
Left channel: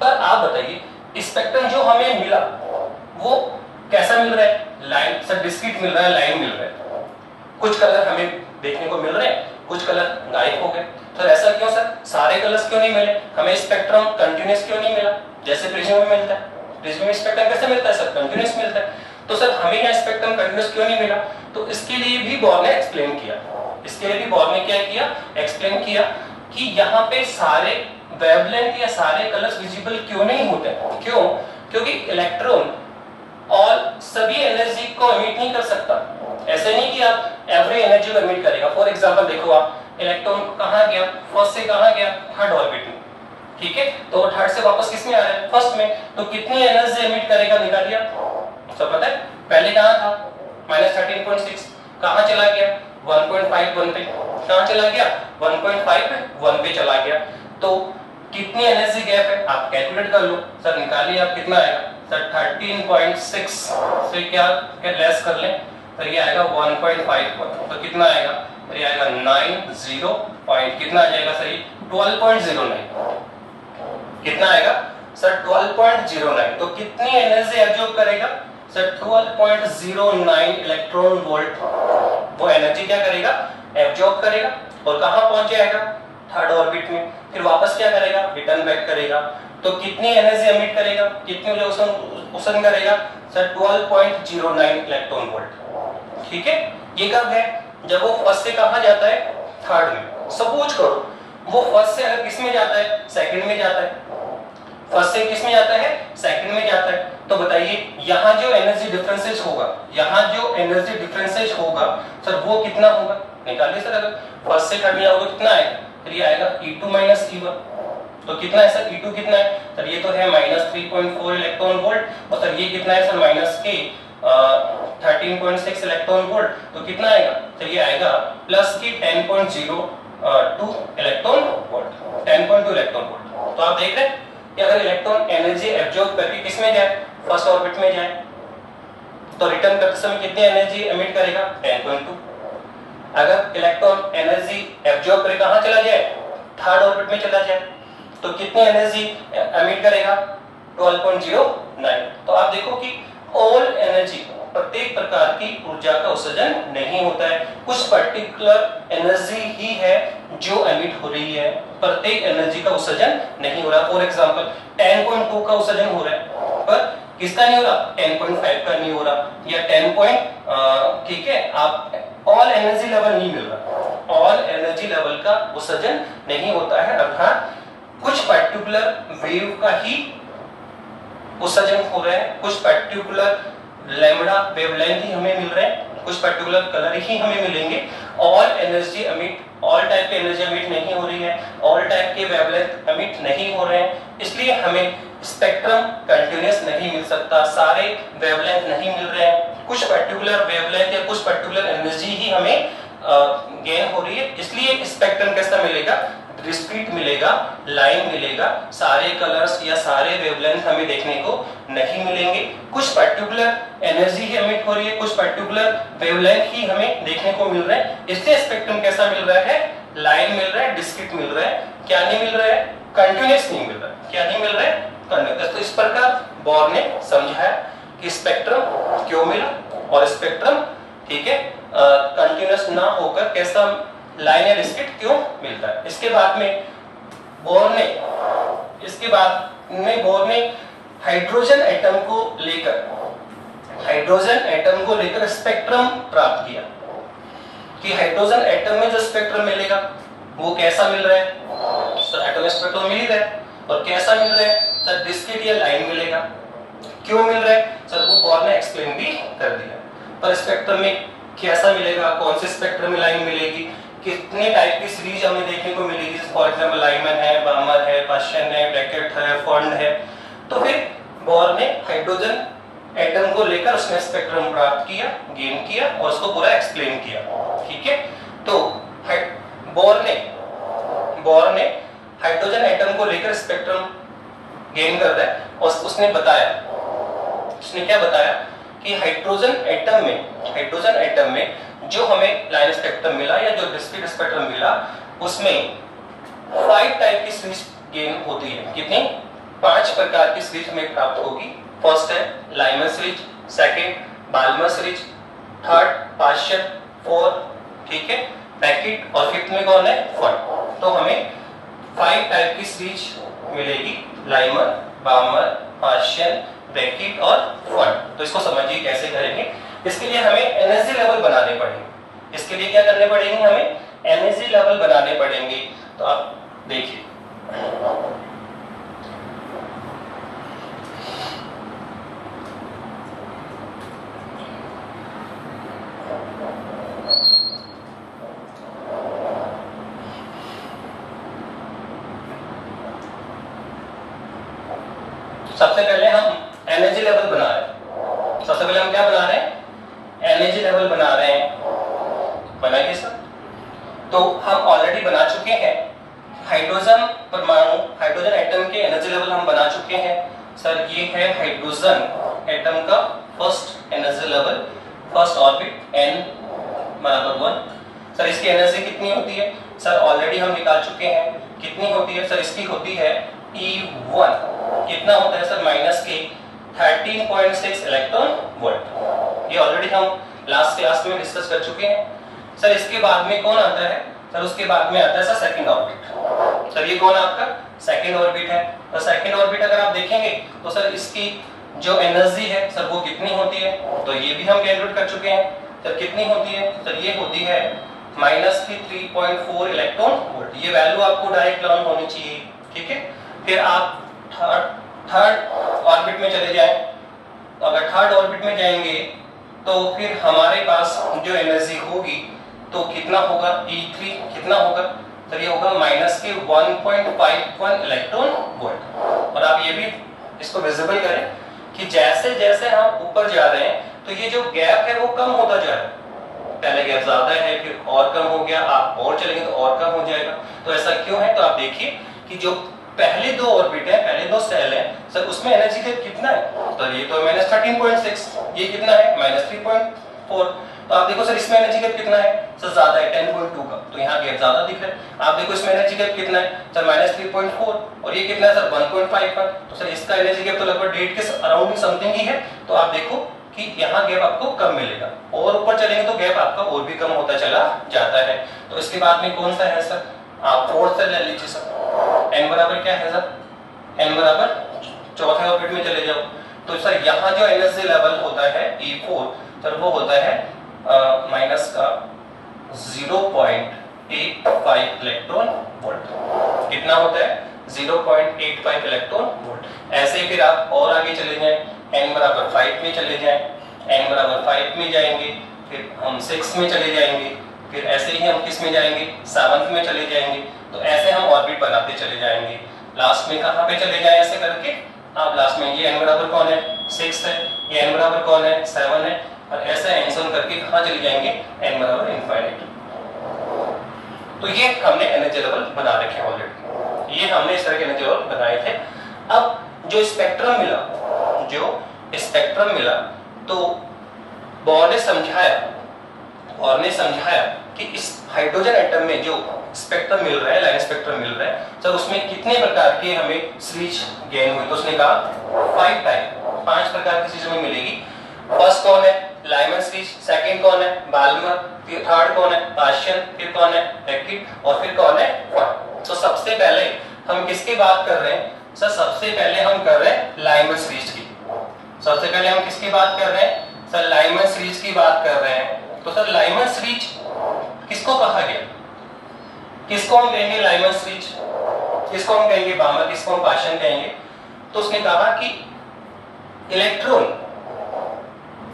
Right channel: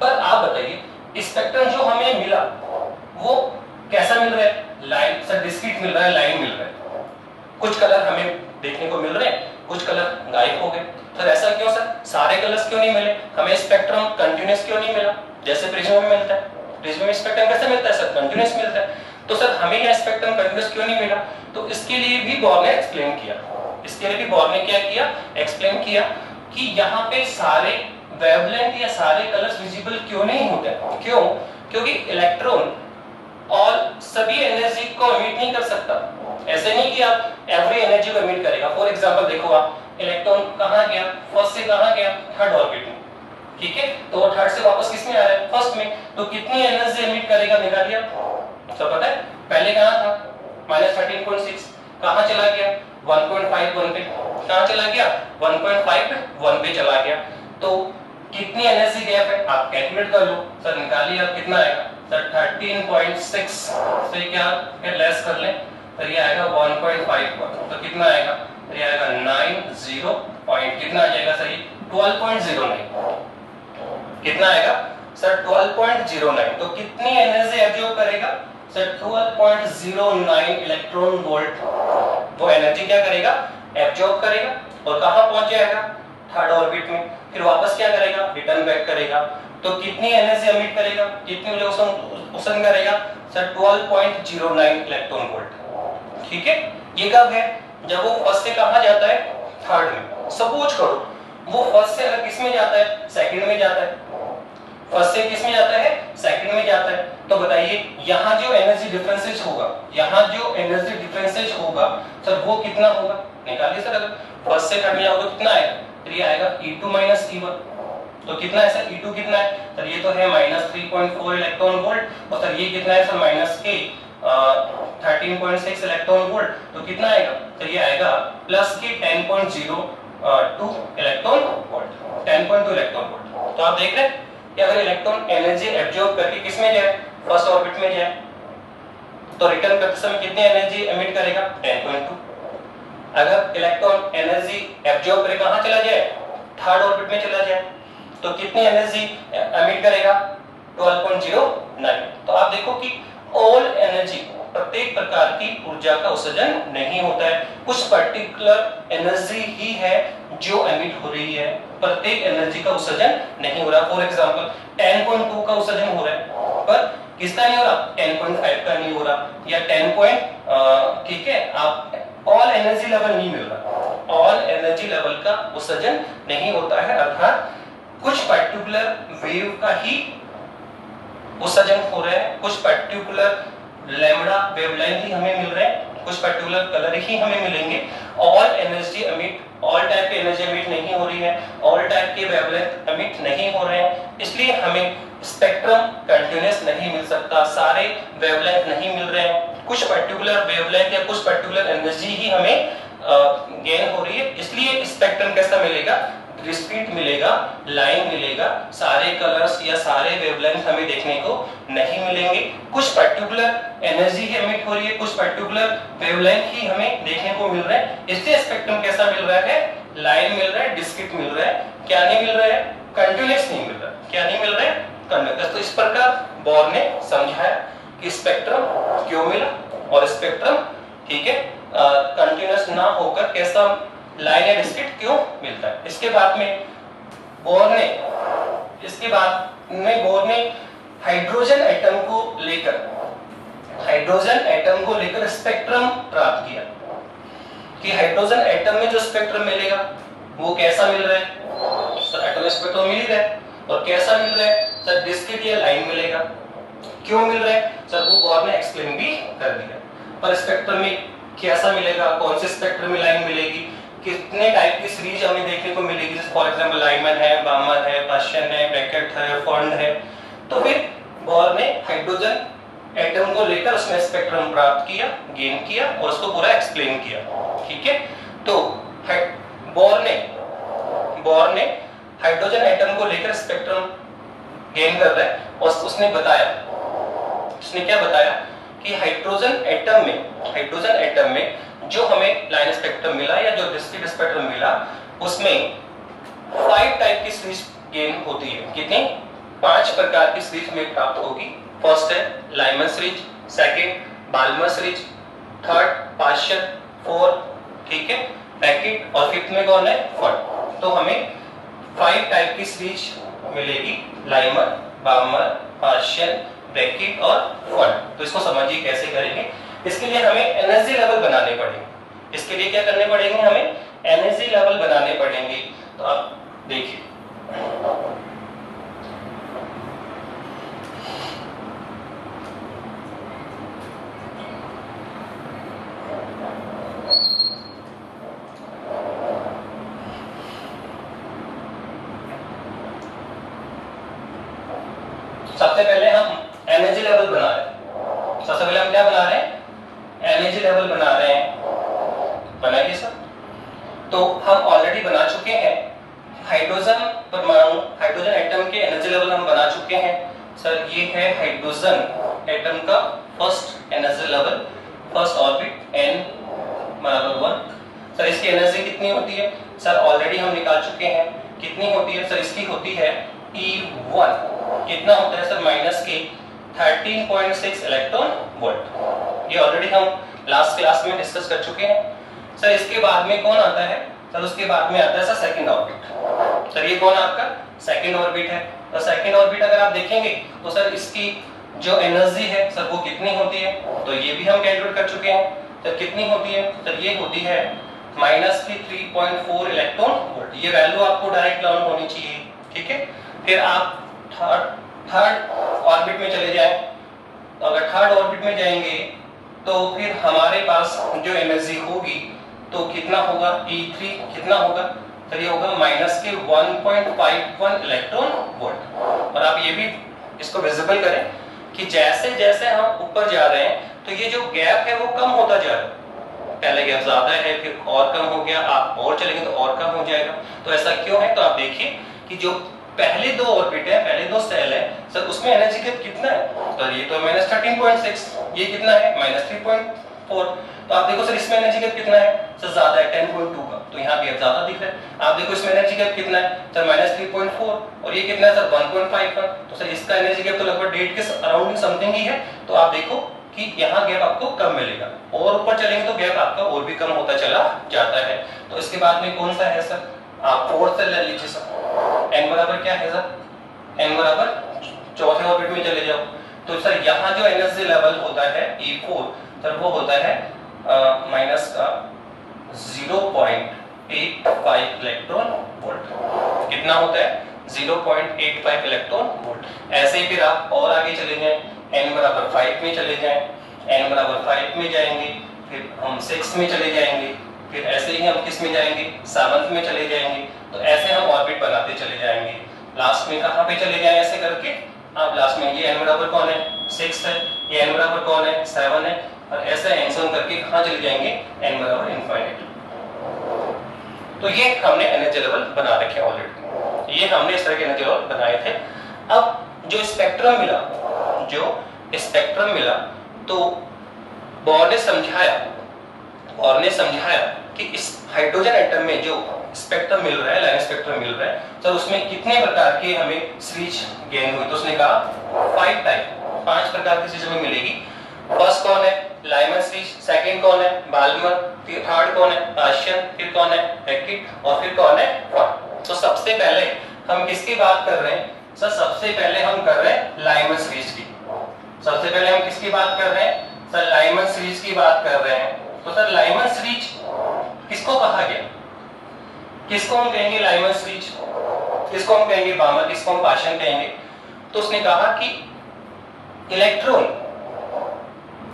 पर आप बताइए स्पेक्ट्रम जो हमें मिला वो कैसा मिल रहा है? लाइन सर डिस्क्रीट मिल रहा है, लाइन मिल रहा है, कुछ कलर हमें देखने को मिल रहे हैं, कुछ कलर गायब हो गए। सर ऐसा क्यों सर? सारे कलर्स क्यों नहीं मिले? हमें स्पेक्ट्रम कंटीन्यूअस क्यों नहीं मिला जैसे प्रिज्म में मिलता है? प्रिज्म में स्पेक्ट्रम कैसे मिलता है सर? कंटीन्यूअस मिलता है। तो सर हमें यहाँ स्पेक्ट्रम कंटीन्यूअस क्यों नहीं मिला? तो इसके लिए भी बोर ने एक्सप्लेन किया, इसके लिए भी बोर ने क्या किया? एक्सप्लेन किया कि यहाँ पे सारे वेवलेंथ या सारे कलर्स विजिबल क्यों नहीं होते। क्यों? क्योंकि इलेक्ट्रॉन और सभी एनर्जी को एमिट नहीं कर सकता। ऐसे नहीं कि आप एवरी एनर्जी को एमिट करेगा। फॉर एग्जांपल देखो आप, इलेक्ट्रॉन कहां गया? फर्स्ट से कहां गया? थर्ड ऑर्बिट में। ठीक है, तो वो थर्ड से वापस किस में आ रहा है? फर्स्ट में। तो कितनी एनर्जी एमिट करेगा निकालिए आप, सब पता है? पहले कहां था? -13.6, कहां चला गया? 1.51 पे। कहां चला गया? 1.51 पे चला गया। तो कितनी एनर्जी गैप है आप कैलकुलेट कर लो सर, निकालिए आप कितना आएगा सर? 13.6 से क्या लेस कर लें सर, ये आएगा 1.51, तो कितना आएगा सर? ये आएगा 90 पॉइंट, कितना आ जाएगा सर? 12.09, कितना आएगा सर? 12.09। तो कितनी एनर्जी एब्जॉर्ब करेगा सर? 12.09 इलेक्ट्रॉन वोल्ट वो एनर्जी क्या करेगा? एब्जॉर्ब करेगा। और कहां पहुंच जाएगा? थर्ड ऑर्बिट में। फिर वापस क्या करेगा? रिटर्न बैक करेगा। तो कितनी एनर्जी एमिट करेगा? कितनी ऊर्जा उत्सर्जन करेगा सर? 12.09 electron volt. ठीक है, ये कब है? जब वो फर्स्ट से कहां जाता है? थर्ड में। सपोज करो वो फर्स्ट से अगर किस में जाता है? सेकंड में जाता है। फर्स्ट से किस में जाता है? सेकंड में जाता है। तो बताइए यहाँ जो एनर्जी डिफरेंसेस होगा, यहाँ जो एनर्जी डिफरेंसेस होगा सर वो कितना होगा? निकालिए सर, अगर फर्स्ट से थर्ड में जाओगे तो कितना आएगा? तो ये आएगा E2 - E1। तो कितना है सर? E2 कितना है सर? ये तो है -3.4 इलेक्ट्रॉन वोल्ट, और सर ये कितना है सर? -13.6 electron volt. तो कितना आएगा सर? ये आएगा +10.02 इलेक्ट्रॉन वोल्ट, 10.2 इलेक्ट्रॉन वोल्ट। तो आप देख रहे हैं कि अगर इलेक्ट्रॉन एनर्जी एब्जॉर्ब करके किस में जाए? फर्स्ट ऑर्बिट में जाए, तो रिटर्न करते समय कितनी एनर्जी एमिट करेगा? 10.2। अगर इलेक्ट्रॉन एनर्जी एब्जॉर्ब करके कहां चला जाए? थर्ड ऑर्बिट में चला जाए, तो कितनी एनर्जी एमिट करेगा? 12.09। तो आप देखो कि ऑल एनर्जी, प्रत्येक प्रकार की ऊर्जा का उत्सर्जन नहीं होता है, कुछ पर्टिकुलर एनर्जी ही है जो एमिट हो रही है, प्रत्येक एनर्जी का उत्सर्जन नहीं हो रहा। फॉर एग्जांपल 10.2 का उत्सर्जन हो रहा है, पर किसका नहीं हो रहा, 10.5 का नहीं हो रहा, या 10 पॉइंट, ठीक है, आप ऑल एनर्जी लेवल नहीं मिल रहा, ऑल एनर्जी लेवल का उत्सर्जन नहीं होता है, अर्थात कुछ पर्टिकुलर वेव का ही उत्सर्जन हो रहा है, कुछ पर्टिकुलर लैम्बडा वेवलेंथ ही हमें मिल रहे हैं, कुछ पर्टिकुलर कलर ही हमें मिलेंगे, all energy emit, all type की एनर्जी एमिट नहीं हो रही है, ऑल टाइप के वेवलेंथ एमिट नहीं हो रहे हैं, इसलिए हमें स्पेक्ट्रम कंटिन्यूअस नहीं मिल सकता, सारे वेवलेंथ नहीं मिल रहे हैं, कुछ पर्टिकुलर वेवलेंथ या कुछ पर्टिकुलर एनर्जी ही हमें गेन हो रही है, इसलिए स्पेक्ट्रम कैसा मिलेगा, डिस्क्रीट मिलेगा, लाइन मिलेगा, सारे कलर्स या सारे वेवलेंथ हमें देखने को नहीं मिलेंगे, कुछ पर्टिकुलर एनर्जी ही एमिट हो रही है, कुछ पर्टिकुलर वेवलेंथ ही हमें देखने को मिल रहा है, इसलिए स्पेक्ट्रम कैसा मिल रहा है, लाइन मिल रहा है, डिस्क्रीट मिल रहा है, क्या नहीं मिल रहा है, कंटिन्यूअस नहीं मिल रहा है, क्या नहीं मिल रहा है, कंटिन्यूअस। तो इस प्रकार बोर ने समझाया कि स्पेक्ट्रम क्यों मिला और स्पेक्ट्रम, ठीक है, कंटिन्यूअस ना होकर कैसा लाइन या डिस्क्रीट क्यों मिलता है। इसके बाद में बोर ने हाइड्रोजन एटम को लेकर स्पेक्ट्रम प्राप्त किया कि हाइड्रोजन एटम में जो स्पेक्ट्रम मिलेगा वो कैसा मिल रहा है, सर एटम स्पेक्ट्रम मिल रहा है, और कैसा मिल रहा है, सर डिस्क्रीट या लाइन मिलेगा, क्यों मिल रहा है, सर वो बोर ने एक्सप्लेन भी कर दिया। पर स्पेक्ट्रम में कैसा मिलेगा, कौन से स्पेक्ट्रम में लाइन मिलेगी, कितने टाइप की सीरीज हमें देखने को मिलेगी, फॉर एग्जांपल लाइमन है, बामर है, पाश्चन है, ब्रैकेट है, फंड है। तो फिर बोर ने हाइड्रोजन एटम को लेकर उसने स्पेक्ट्रम प्राप्त किया, गेन किया और उसको पूरा एक्सप्लेन किया, ठीक है। तो बोर ने हाइड्रोजन एटम को लेकर स्पेक्ट्रम गेन कर रहा है और उसने क्या बताया कि हाइड्रोजन एटम में जो हमें लाइन स्पेक्ट्रम मिला या जो डिस्क्रीट स्पेक्ट्रम मिला उसमें 5 टाइप की सीरीज गेन होती है। कितनी? 5 प्रकार की सीरीज हमें प्राप्त होगी। फर्स्ट है Lyman series, second Balmer series, third Paschen, fourth, ठीक है, ब्रैकेट, और फिफ्थ में कौन है, फंड। तो हमें 5 टाइप की सीरीज मिलेगी, लाइमन, बाल्मर, पाश्चन, ब्रैकेट और फंड। तो इसको समझिए कैसे करेंगे। इसके लिए हमें एनर्जी लेवल बनाने पड़ेंगे। इसके लिए क्या करने पड़ेंगे, हमें एनर्जी लेवल बनाने पड़ेंगे। तो आप देखिए, सबसे पहले हम एनर्जी लेवल बना रहे हैं। सबसे पहले हम क्या बना रहे हैं, एनर्जी लेवल बना रहे हैं। बनाइए सर। तो हम ऑलरेडी बना चुके हैं हाइड्रोजन परमाणु, हाइड्रोजन एटम के एनर्जी लेवल हम बना चुके हैं। सर ये है हाइड्रोजन एटम का first energy level, first orbit n बराबर 1। सर इसकी एनर्जी कितनी होती है, सर ऑलरेडी हम निकाल चुके हैं। कितनी होती है, सर इसकी होती है E1। कितना होता है सर, माइनस के 13.6 इलेक्ट्रॉन वोल्ट। ये ऑलरेडी हम लास्ट क्लास में डिस्कस कर चुके हैं। सर इसके बाद में कौन आता है, सर उसके बाद में आता है सर सेकंड ऑर्बिट। सर ये कौन आपका सेकंड ऑर्बिट है। तो सेकंड ऑर्बिट अगर आप देखेंगे तो सर इसकी जो एनर्जी है सर वो कितनी होती है, तो ये भी हम कैलकुलेट कर चुके हैं। सर कितनी होती है, सर ये होती है माइनस की 3.4 इलेक्ट्रॉन वोल्ट। ये वैल्यू आपको डायरेक्ट लर्न होनी चाहिए, ठीक है। फिर आप थर्ड ऑर्बिट में चले जाएं। तो अगर थर्ड ऑर्बिट में जाएंगे तो फिर हमारे पास जो एनर्जी होगी तो कितना होगा, E3 कितना होगा, तो ये होगा माइनस के 1.51 इलेक्ट्रॉन वोल्ट। और आप ये भी इसको विजिबल करें कि जैसे जैसे हम ऊपर जा रहे हैं तो ये जो गैप है वो कम होता जा रहा है। पहले गैप ज्यादा है, फिर और कम हो गया, आप और चलेंगे तो और कम हो जाएगा। तो ऐसा क्यों है, तो आप देखिए कि जो पहले 2 ऑर्बिट है, पहले 2 सेल है सर, उसमें एनर्जी गैप कितना है, तो ये तो माइनस 13.6, ये कितना है माइनस 3.4। तो आप देखो सर इसमें एनर्जी गैप कितना है, सर ज्यादा है 10.2 का, तो यहाँ गैप ज्यादा दिख रहा है। आप देखो इसमें एनर्जी गैप कितना है सर, माइनस 3.4, और ये कितना है सर 1.51। तो सर इसका एनर्जी गैप तो लगभग 1.5 के अराउंड समथिंग ही है। तो आप देखो कि यहाँ गैप आपको कम मिलेगा, और ऊपर चलेंगे तो गैप आपका और भी कम होता चला जाता है। तो इसके बाद में कौन सा है सर, आप फोर्थ सेल ले लीजिए सर। n बराबर क्या है सर, n बराबर चौथे ऑर्बिट में चले जाओ। तो सर यहाँ जो एनर्जी लेवल होता है E4 सर वो होता है माइनस का 0.85 इलेक्ट्रॉन वोल्ट। कितना होता है 0.85 इलेक्ट्रॉन वोल्ट। ऐसे ही फिर आप और आगे चले जाएं, n बराबर 5 में चले जाएं, n बराबर 5 में जाएंगे, फिर हम 6 में चले जाएंगे, फिर ऐसे ही हम किस में जाएंगे 7 में चले जाएंगे। तो ऐसे हम ऑर्बिट बनाते चले जाएंगे। लास्ट में कहाँ पे चले जाए ऐसे करके आप लास्ट में ये n बराबर कौन है 6 है, ये n बराबर कौन है 7 है, और ऐसे एंसर करके कहाँ चले जाएंगे n बराबर इनफाइनाइट। तो ये हमने एनर्जी लेवल बना रखे हैं ऑलरेडी, ये हमने इस तरह के एनर्जी लेवल बनाए थे। अब जो स्पेक्ट्रम मिला तो बोर ने समझाया कि इस हाइड्रोजन एटम में जो स्पेक्ट्रम मिल रहा है, लाइन स्पेक्ट्रम मिल रहा है, तो उसमें कितने प्रकार के हमें सीरीज गेन हुई। तो उसने कहा 5 प्रकार की चीज हमें मिलेगी। फर्स्ट कौन है लाइमन सीरीज, सेकंड कौन है बाल्मर, फिर थर्ड कौन है पाशियन, फिर कौन है हैकिट, और फिर कौन है क्वार्ट। तो सबसे पहले हम किसकी बात कर रहे हैं सर, सबसे पहले हम कर रहे हैं लाइमन सीरीज की। सबसे पहले हम किसकी बात कर रहे हैं सर, लाइमन सीरीज की बात कर रहे हैं। तो सर लाइमन सीरीज किसको कहा गया, किसको हम कहेंगे लाइमन सीरीज, किसको हम कहेंगे बाल्मर, किसको हम पाशियन कहेंगे। तो उसने कहा कि इलेक्ट्रॉन,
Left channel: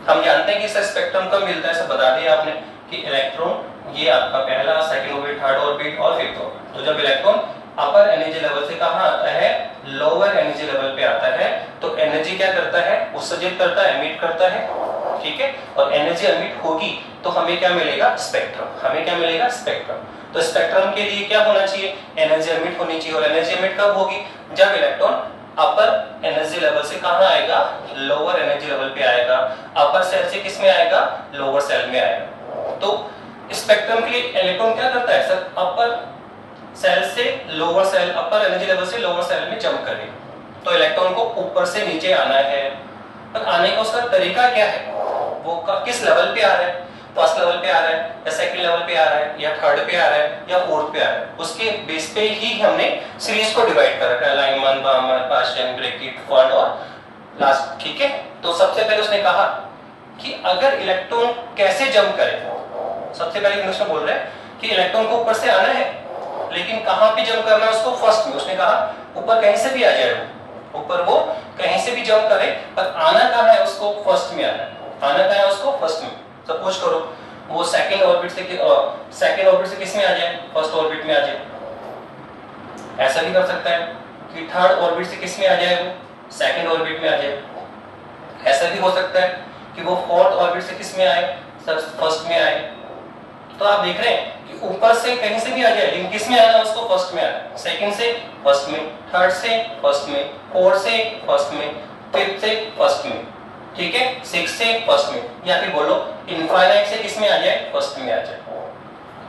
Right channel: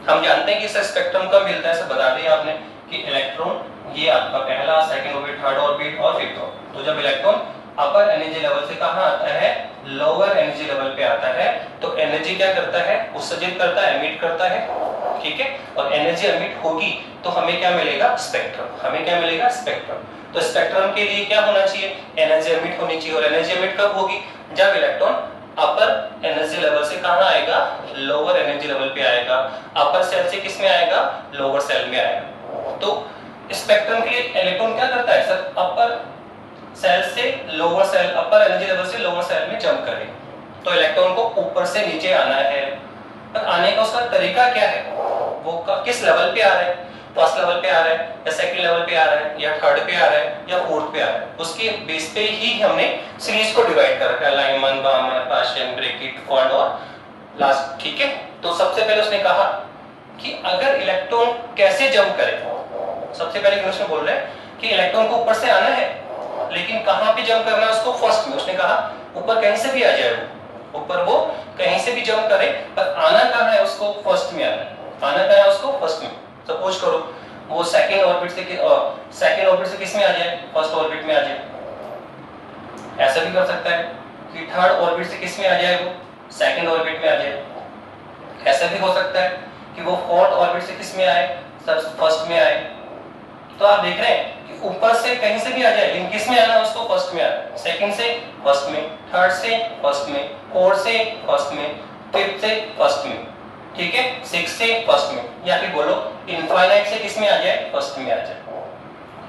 हम जानते हैं कि सर स्पेक्ट्रम कब मिलता है, सब बता दिया आपने कि इलेक्ट्रॉन ये आपका पहला, सेकंड ऑर्बिट, थर्ड ऑर्बिट और फिफ्थ ऑर्बिट। तो जब इलेक्ट्रॉन अपर एनर्जी लेवल से कहां आता है लोअर एनर्जी लेवल पे आता है, तो एनर्जी क्या करता है उत्सर्जित करता है, एमिट करता है, ठीक है। और एनर्जी एमिट होगी तो हमें क्या मिलेगा स्पेक्ट्रम, हमें क्या मिलेगा स्पेक्ट्रम। तो स्पेक्ट्रम के लिए क्या होना चाहिए एनर्जी एमिट होनी चाहिए, और एनर्जी एमिट कब होगी जब इलेक्ट्रॉन अपर एनर्जी लेवल से कहां आएगा लोअर एनर्जी लेवल पे आएगा, अपर सेल से किस में आएगा लोअर सेल में आएगा। तो स्पेक्ट्रम के लिए इलेक्ट्रॉन क्या करता है सर, अपर सेल से लोअर सेल, अपर एनर्जी लेवल से लोअर सेल में जंप करे। तो इलेक्ट्रॉन को ऊपर से नीचे आना है, पर आने का उसका तरीका क्या है, वो किस लेवल पे आ रहा है, फर्स्ट लेवल पे आ रहा है या सेकंड लेवल पे आ रहा है या थर्ड पे आ रहा है या फोर्थ पे आ रहा है, उसके बेस पे ही हमने सीरीज को डिवाइड कर रखा है, लाइमन, बाल्मर, पाशियन, ब्रैकेट, क्वार्ट और लास्ट, ठीक है। तो सबसे पहले उसने कहा कि अगर इलेक्ट्रॉन कैसे जंप करे, सबसे पहले उसने बोल रहे हैं कि इलेक्ट्रॉन को ऊपर से आना है, लेकिन कहां पे जंप करना है उसको फर्स्ट में। उसने कहा ऊपर कहीं से भी आ जाए, वो ऊपर वो कहीं से भी जंप करे, पर आना कहां है उसको फर्स्ट में आना है, आना कहां है उसको फर्स्ट में। सपोज करो वो सेकंड ऑर्बिट से किस में आ जाए फर्स्ट ऑर्बिट में आ जाए, ऐसा भी कर सकता है कि थर्ड ऑर्बिट से किस में आ जाए वो सेकंड ऑर्बिट में आ जाए, ऐसा भी हो सकता है कि वो फोर्थ ऑर्बिट से किस में आए सर फर्स्ट में आए। तो आप देख रहे हैं कि ऊपर से कहीं से भी आ जाए, लेकिन किस में आना है उसको फर्स्ट में आना, सेकंड से फर्स्ट में, थर्ड से फर्स्ट में, फोर्थ से फर्स्ट में, फिफ्थ से फर्स्ट में, ठीक है, सिक्स से फर्स्ट में, या फिर बोलो इनफाइनाइट से किस में आ जाए फर्स्ट में आ जाए,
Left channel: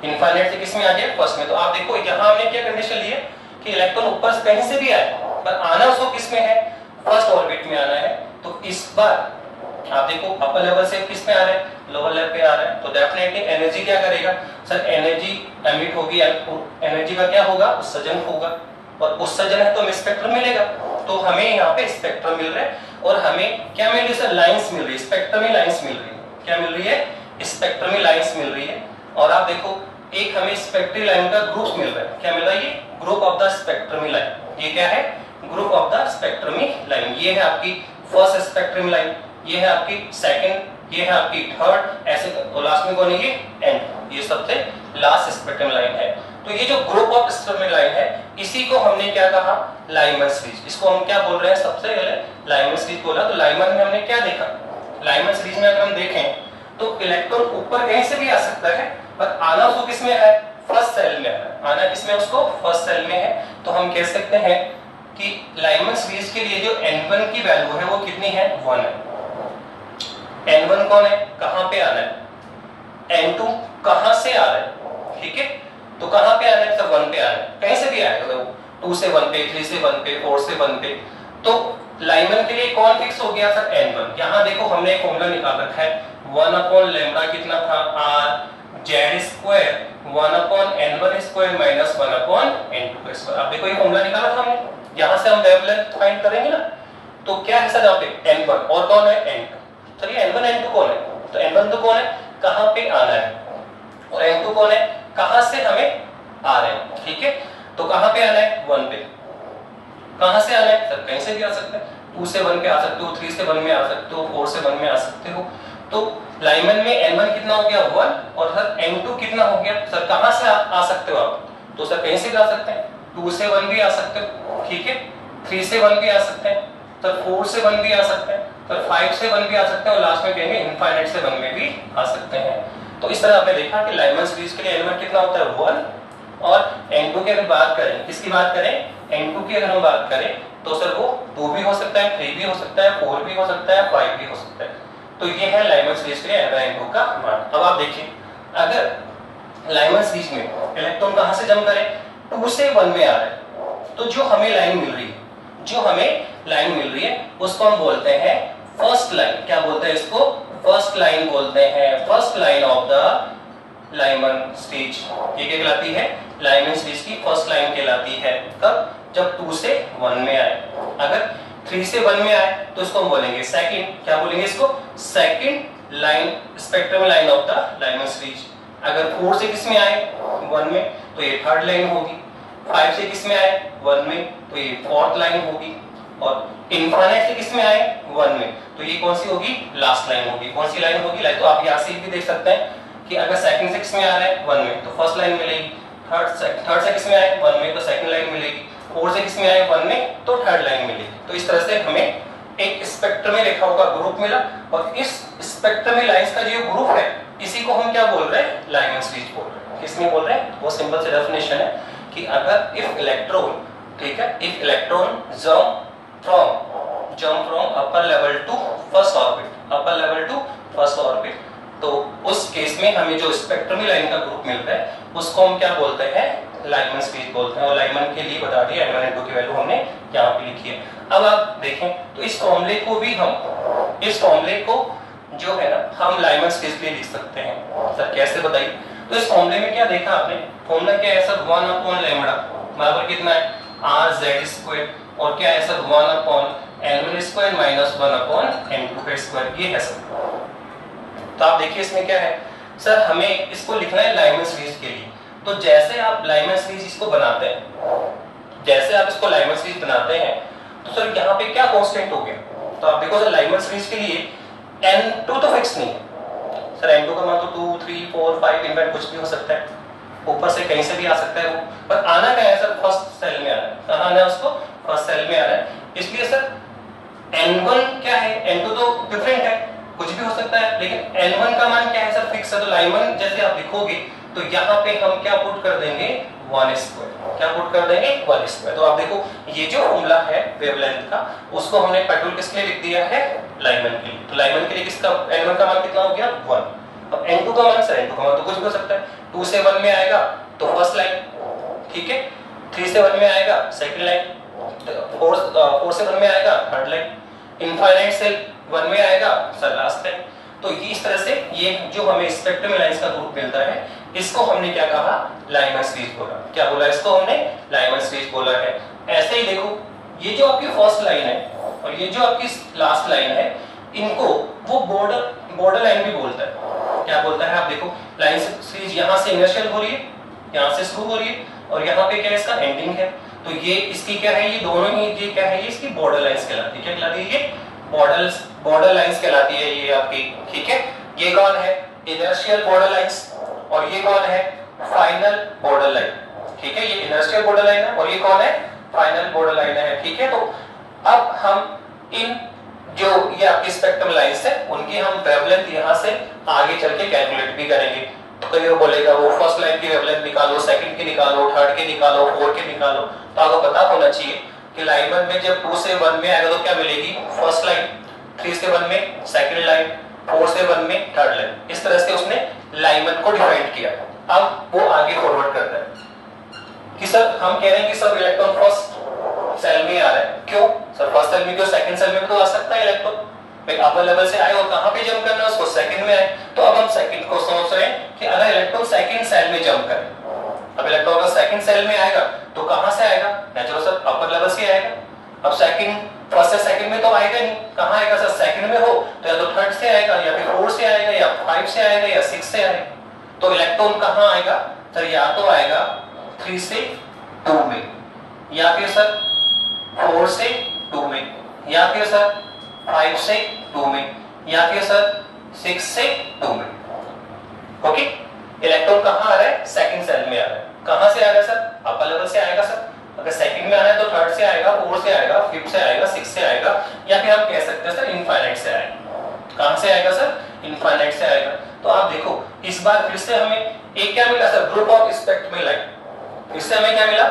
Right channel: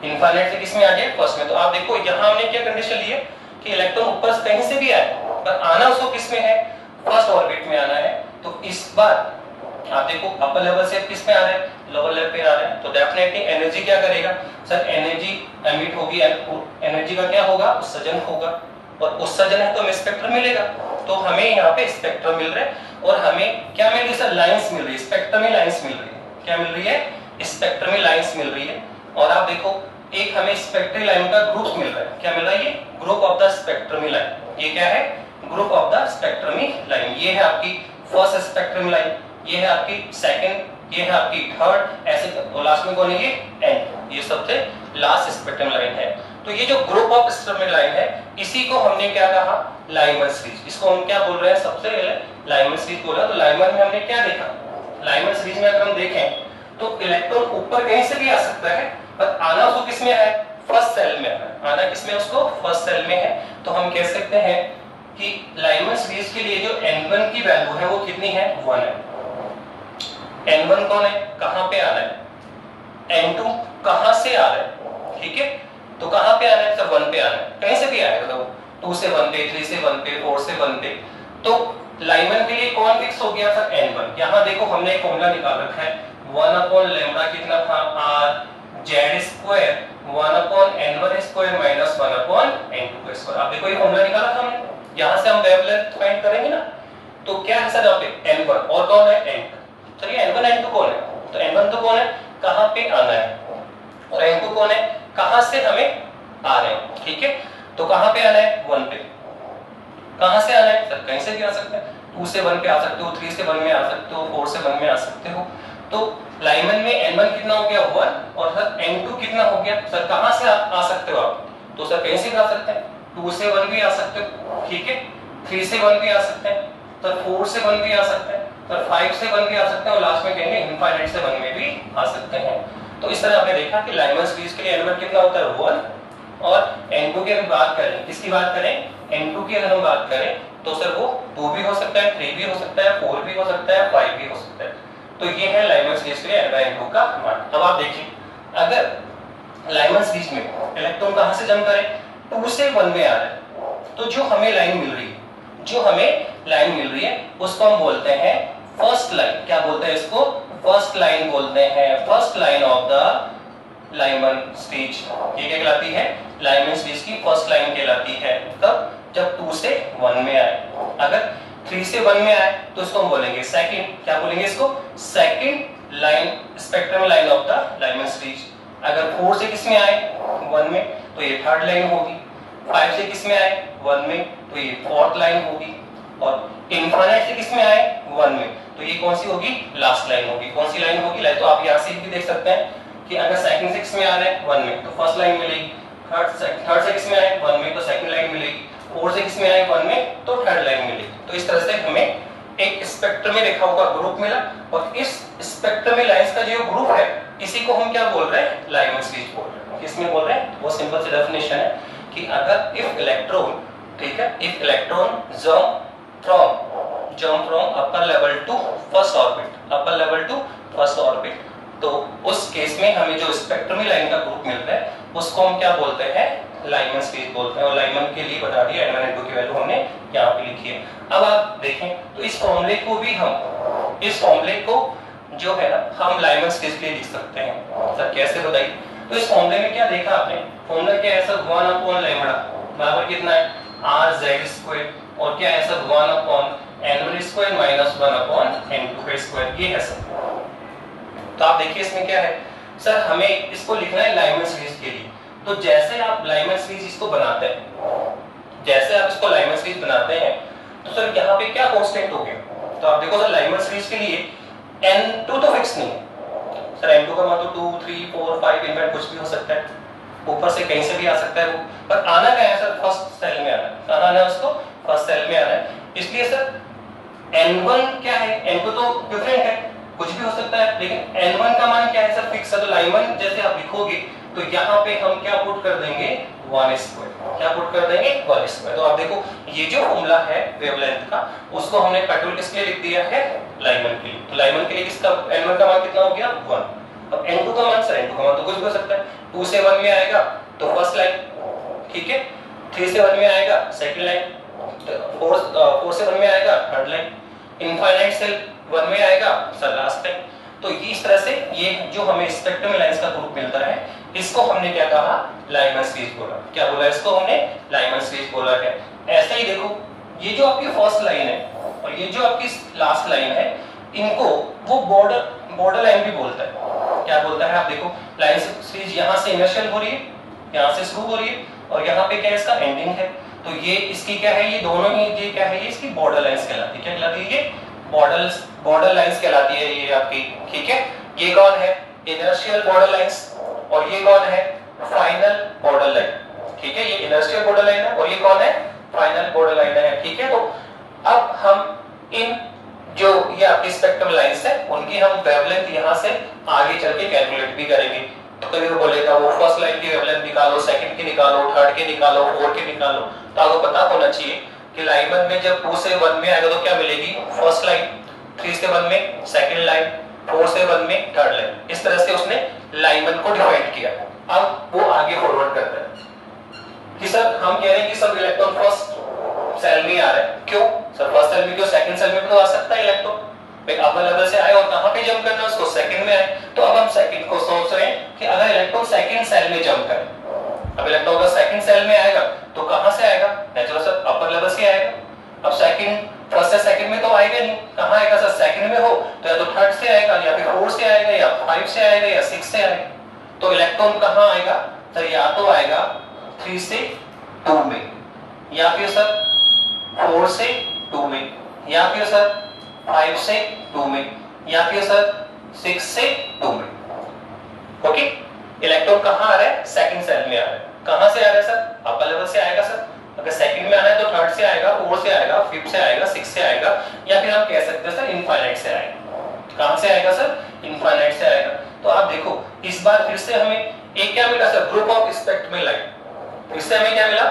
इनफाइनाइट से किस में आ जाए फर्स्ट में। तो आप देखो यहां हमने क्या कंडीशन ली है कि इलेक्ट्रॉन ऊपर से कहीं से भी आए, पर आना उसको किस में है फर्स्ट ऑर्बिट में आना है। तो इस बार आप देखो अपर लेवल से किस में आ रहे हैं लोअर लेवल पे आ रहे हैं, तो डेफिनेटली एनर्जी क्या करेगा सर, एनर्जी एमिट होगी, एनर्जी का क्या होगा उत्सर्जन होगा, और उत्सर्जन है तो हमें स्पेक्ट्रम मिलेगा। तो हमें यहाँ पे स्पेक्ट्रम मिल रहा है, और हमें क्या मिल रही है सर लाइंस मिल रही है, स्पेक्ट्रमी लाइंस मिल रही है, क्या मिल रही है स्पेक्ट्रमी लाइंस मिल रही है। और आप देखो एक हमें स्पेक्ट्रमी लाइन का ग्रुप मिल रहा है, क्या मिल रहा है ये ग्रुप ऑफ द स्पेक्ट्रमी लाइन, ये क्या है ग्रुप ऑफ द स्पेक्ट्रमी लाइन। ये है आपकी फर्स्ट स्पेक्ट्रमी लाइन, ये है आपकी सेकंड, ये है आपकी थर्ड, ऐसे लास्ट में कौन है ये एंड, ये सबसे लास्ट स्पेक्ट्रम लाइन है। तो ये जो ग्रुप ऑफ स्पेक्ट्रम लाइन है इसी को हमने क्या कहा लाइमन सीरीज, इसको हम क्या बोल रहे हैं सबसे पहले लाइमन सीरीज बोला। तो लाइमन में हमने क्या देखा, लाइमन सीरीज में अगर हम देखें तो इलेक्ट्रॉन ऊपर कहीं से भी आ सकता है, पर आना उसको किसमें है फर्स्ट सेल में है, आना किसमें उसको फर्स्ट सेल में है। तो हम कह सकते हैं कि लाइमन सीरीज के लिए जो n1 की वैल्यू है वो कितनी है 1 है। n1 कौन है कहां पे आ रहा है, n2 कहां से आ रहा है, ठीक है, तो कहां पे आ रहा है तो 1 पे आ रहा है, कहीं से भी आएगा, तो 2 से 1 पे, 3 से 1 पे, 4 से 1 पे। तो लाइमन के लिए कौन फिक्स हो गया सर n1। यहां देखो हमने एक फॉर्मूला निकाल रखा है 1/λ कितना था r z square 1/n1 square minus 1/n2 square. अब देखो ये फॉर्मूला निकाला था हमने, यहां से हम वेवलेंथ फाइंड करेंगे ना, तो क्या है सर यहाँ पे N1 और कौन है N2। सर ये N1 N2 कौन है, तो N1 तो कौन है, कहां पे आना है, और N2 कौन है, कहां से हमें आ रहे हैं। ठीक है, तो कहां पे आना है 1 पे, कहां से आना है सर, कहीं से भी आ सकते हैं, 2 से 1 पे आ सकते हो, 3 से 1 में आ सकते हो, 4 से 1 में आ सकते हो। तो लाइमन में N1 कितना हो गया 1 और सर N2 कितना हो गया, सर कहां से आ सकते हो आप, तो सर कहीं से भी आ सकते हैं, 2 से 1 भी आ सकते हो, ठीक है, 3 से 1 भी आ सकते हैं, सर 4 से 1 भी आ सकते हैं, सर 5 से 1 भी आ सकते हैं, और लास्ट में कहेंगे इनफाइनाइट से 1 में भी आ सकते हैं। तो इस तरह आपने देखा कि लाइमन सीरीज के लिए एलिमेंट कितना होता है 1, और N2 की अगर बात करें, किसकी बात करें, N2 की अगर हम बात करें तो सर वो 2 भी हो सकता है, 3 भी हो सकता है, 4 भी हो सकता है, 5 भी हो सकता है। तो ये है लाइमन सीरीज के लिए N2 का मान। अब आप देखिए अगर लाइमन सीरीज में इलेक्ट्रॉन कहां से जंप करे, 2 से 1 में आ रहा है, तो जो हमें लाइन मिल रही है, जो हमें लाइन मिल रही है उसको हम बोलते हैं फर्स्ट लाइन। क्या बोलते हैं इसको, फर्स्ट लाइन बोलते हैं, first line of the Lyman series. ये क्या कहलाती है, लाइमन सीरीज की फर्स्ट लाइन कहलाती है। कब, जब 2 से 1 में आए। अगर 3 से 1 में आए तो इसको हम बोलेंगे सेकंड, क्या बोलेंगे इसको, second line, spectrum line of the Lyman series. अगर 4 से किस में आए 1 में, तो ये थर्ड लाइन होगी। 5 से किस में आए 1 में, तो ये फोर्थ लाइन होगी। और इनफाइनाइट से किस में आए 1 में, तो ये कौन सी होगी, लास्ट लाइन होगी। कौन सी लाइन होगी, लाइन तो आप यहां से भी देख सकते हैं कि अगर सेकंड से किस में आ रहे हैं 1 में, तो फर्स्ट लाइन मिलेगी। थर्ड से किस में आए 1 में, तो सेकंड लाइन मिलेगी। 4 से किस में आए 1 में, तो थर्ड लाइन मिलेगी। तो इस तरह से हमें एक स्पेक्ट्रम में रेखाओं का ग्रुप मिला, और इस स्पेक्ट्रम में लाइंस का जो ग्रुप है इसी को हम क्या बोल रहे हैं, लाइमन सीरीज बोल रहे हैं। किसमें बोल रहे हैं, वो सिंपल सी डेफिनेशन है कि अगर इफ इलेक्ट्रॉन, ठीक है, if electron jump from upper level to first orbit, upper level to first orbit, तो उस केस में हमें जो स्पेक्ट्रम लाइन का ग्रुप मिलता है उसको हम क्या बोलते हैं, लाइमन सीरीज बोलते हैं। और लाइमन के लिए बता दिया N1 N2 की वैल्यू हमने यहाँ पे लिखी है। अब आप देखें तो इस फॉर्मूले को भी हम, इस फॉर्मूले को जो है ना हम लाइमन सीरीज के लिए लिख सकते हैं। सर कैसे बताइए, तो इस फॉर्मूले में क्या देखा आपने, फॉर्मूला क्या है सर, 1/लैम्बडा बराबर कितना है RZ², और क्या है सर 1/N1² माइनस 1/N2², ये है सर। तो आप देखिए इसमें क्या है सर, हमें इसको लिखना है लाइमन सीरीज के लिए। तो जैसे आप लाइमन सीरीज इसको बनाते हैं, जैसे आप इसको लाइमन सीरीज बनाते हैं, तो सर यहाँ पे क्या कांस्टेंट हो गया, तो आप देखो सर लाइमन सीरीज के लिए N2 तो फिक्स नहीं है सर, N2 का मान तो 2, 3, 4, 5 इनफैक्ट कुछ भी हो सकता है, ऊपर से कहीं से भी आ सकता है वो, पर आना क्या है सर, फर्स्ट सेल में आना है। कहां आना है उसको, फर्स्ट सेल में आना है। इसलिए सर N1 क्या है, N2 तो डिफरेंट है, कुछ भी हो सकता है, लेकिन N1 का मान क्या है सर, फिक्स है। तो लाइमन जैसे आप लिखोगे तो यहाँ पे हम क्या पुट कर देंगे 1², क्या पुट कर देंगे 1²। तो आप देखो ये जो फॉर्मूला है वेवलेंथ का, उसको हमने पेट्रोल किसके लिए लिख दिया है, लाइमन के लिए। तो लाइमन के लिए किसका N1 का मान कितना हो गया 1। अब N2 का मान, सर N2 का मान तो कुछ भी हो सकता है, 2 से 1 में आएगा तो फर्स्ट लाइन, ठीक है, 3 से 1 में आएगा सेकंड लाइन, 4 से 1 में आएगा थर्ड लाइन, इनफाइनाइट से 1 में आएगा सर लास्ट लाइन। तो इस तरह से ये जो हमें स्पेक्ट्रम लाइंस का ग्रुप मिलता है, इसको हमने क्या कहा, लाइमन सीरीज बोला। क्या बोला इसको हमने, लाइमन सीरीज बोला है। ऐसे ही देखो ये जो आपकी फर्स्ट लाइन है और ये जो आपकी लास्ट लाइन है, इनको वो बॉर्डर लाइन भी बोलता है। क्या बोलता है, आप देखो लाइन सीरीज यहाँ से इनिशियल हो रही है, यहाँ से शुरू हो रही है, और यहाँ पे क्या है इसका एंडिंग है। तो ये इसकी क्या है, ये दोनों ही, ये क्या है, ये इसकी बॉर्डर लाइंस कहलाती है। क्या कहलाती है, ये बॉर्डर लाइंस कहलाती है ये आपकी, ठीक है। ये कौन है, इनर्शियल बॉर्डर लाइंस, और ये कौन है, फाइनल बॉर्डर लाइन, ठीक है। ये इनर्शियल बॉर्डर लाइन है और ये कौन है, फाइनल बॉर्डर लाइन है, ठीक है। तो अब हम इन जो ये आपकी स्पेक्ट्रम लाइंस है उनकी हम वेवलेंथ यहां से आगे चल के कैलकुलेट भी करेंगे। तो कभी वो बोलेगा वो फर्स्ट लाइन की वेवलेंथ निकालो, सेकंड की निकालो, थर्ड की निकालो, फोर्थ की निकालो। तो आपको पता होना चाहिए कि लाइमन में जब 2 से 1 में आएगा तो क्या मिलेगी, फर्स्ट लाइन, 3 से 1 में सेकंड लाइन, 4 से 1 में थर्ड लाइन। इस तरह से उसने लाइमन को डिफाइन किया। अब वो आगे फॉरवर्ड करता है कि सर हम कह रहे हैं कि सब इलेक्ट्रॉन फर्स्ट सेल में आ रहा है, क्यों सर, फर्स्ट सेल में क्यों, सेकंड सेल में तो आ सकता है इलेक्ट्रॉन। भाई अपर लेवल से आए और कहां पे जंप करना है उसको, सेकंड में आए। तो अब हम सेकंड को सोच रहे हैं कि अगर इलेक्ट्रॉन सेकंड सेल में जंप करे, अब इलेक्ट्रॉन का सेकंड सेल में आएगा तो कहां से आएगा, नेचुरल सर अपर लेवल से आएगा। अब सेकंड, फर्स्ट से सेकंड में तो आएगा नहीं, कहाँ आएगा सर? सेकंड में हो तो या तो थर्ड से आएगा, या फिर फोर्थ से आएगा, या 5 से आएगा, या 6 से आएगा। तो इलेक्ट्रॉन कहाँ आएगा सर? या तो आएगा 3 से 2 में, या फिर सर 4 से 2 में, या फिर सर 5 से 2 में, या फिर सर 6 से 2 में। ओके, इलेक्ट्रॉन कहाँ आ रहा है? सेकंड सेल में आ रहा है। कहाँ से आ रहा है सर? अपर लेवल से आएगा सर। अगर सेकंड में आना है तो थर्ड से आएगा, फोर्थ से आएगा, फिफ्थ से आएगा, सिक्स से आएगा, या फिर हम कह सकते हैं सर इनफाइनाइट से आएगा। कहां से आएगा सर? इनफाइनाइट से आएगा। तो आप देखो इस बार फिर से हमें एक क्या मिला sir? Group of spectrum line. इससे हमें क्या मिला?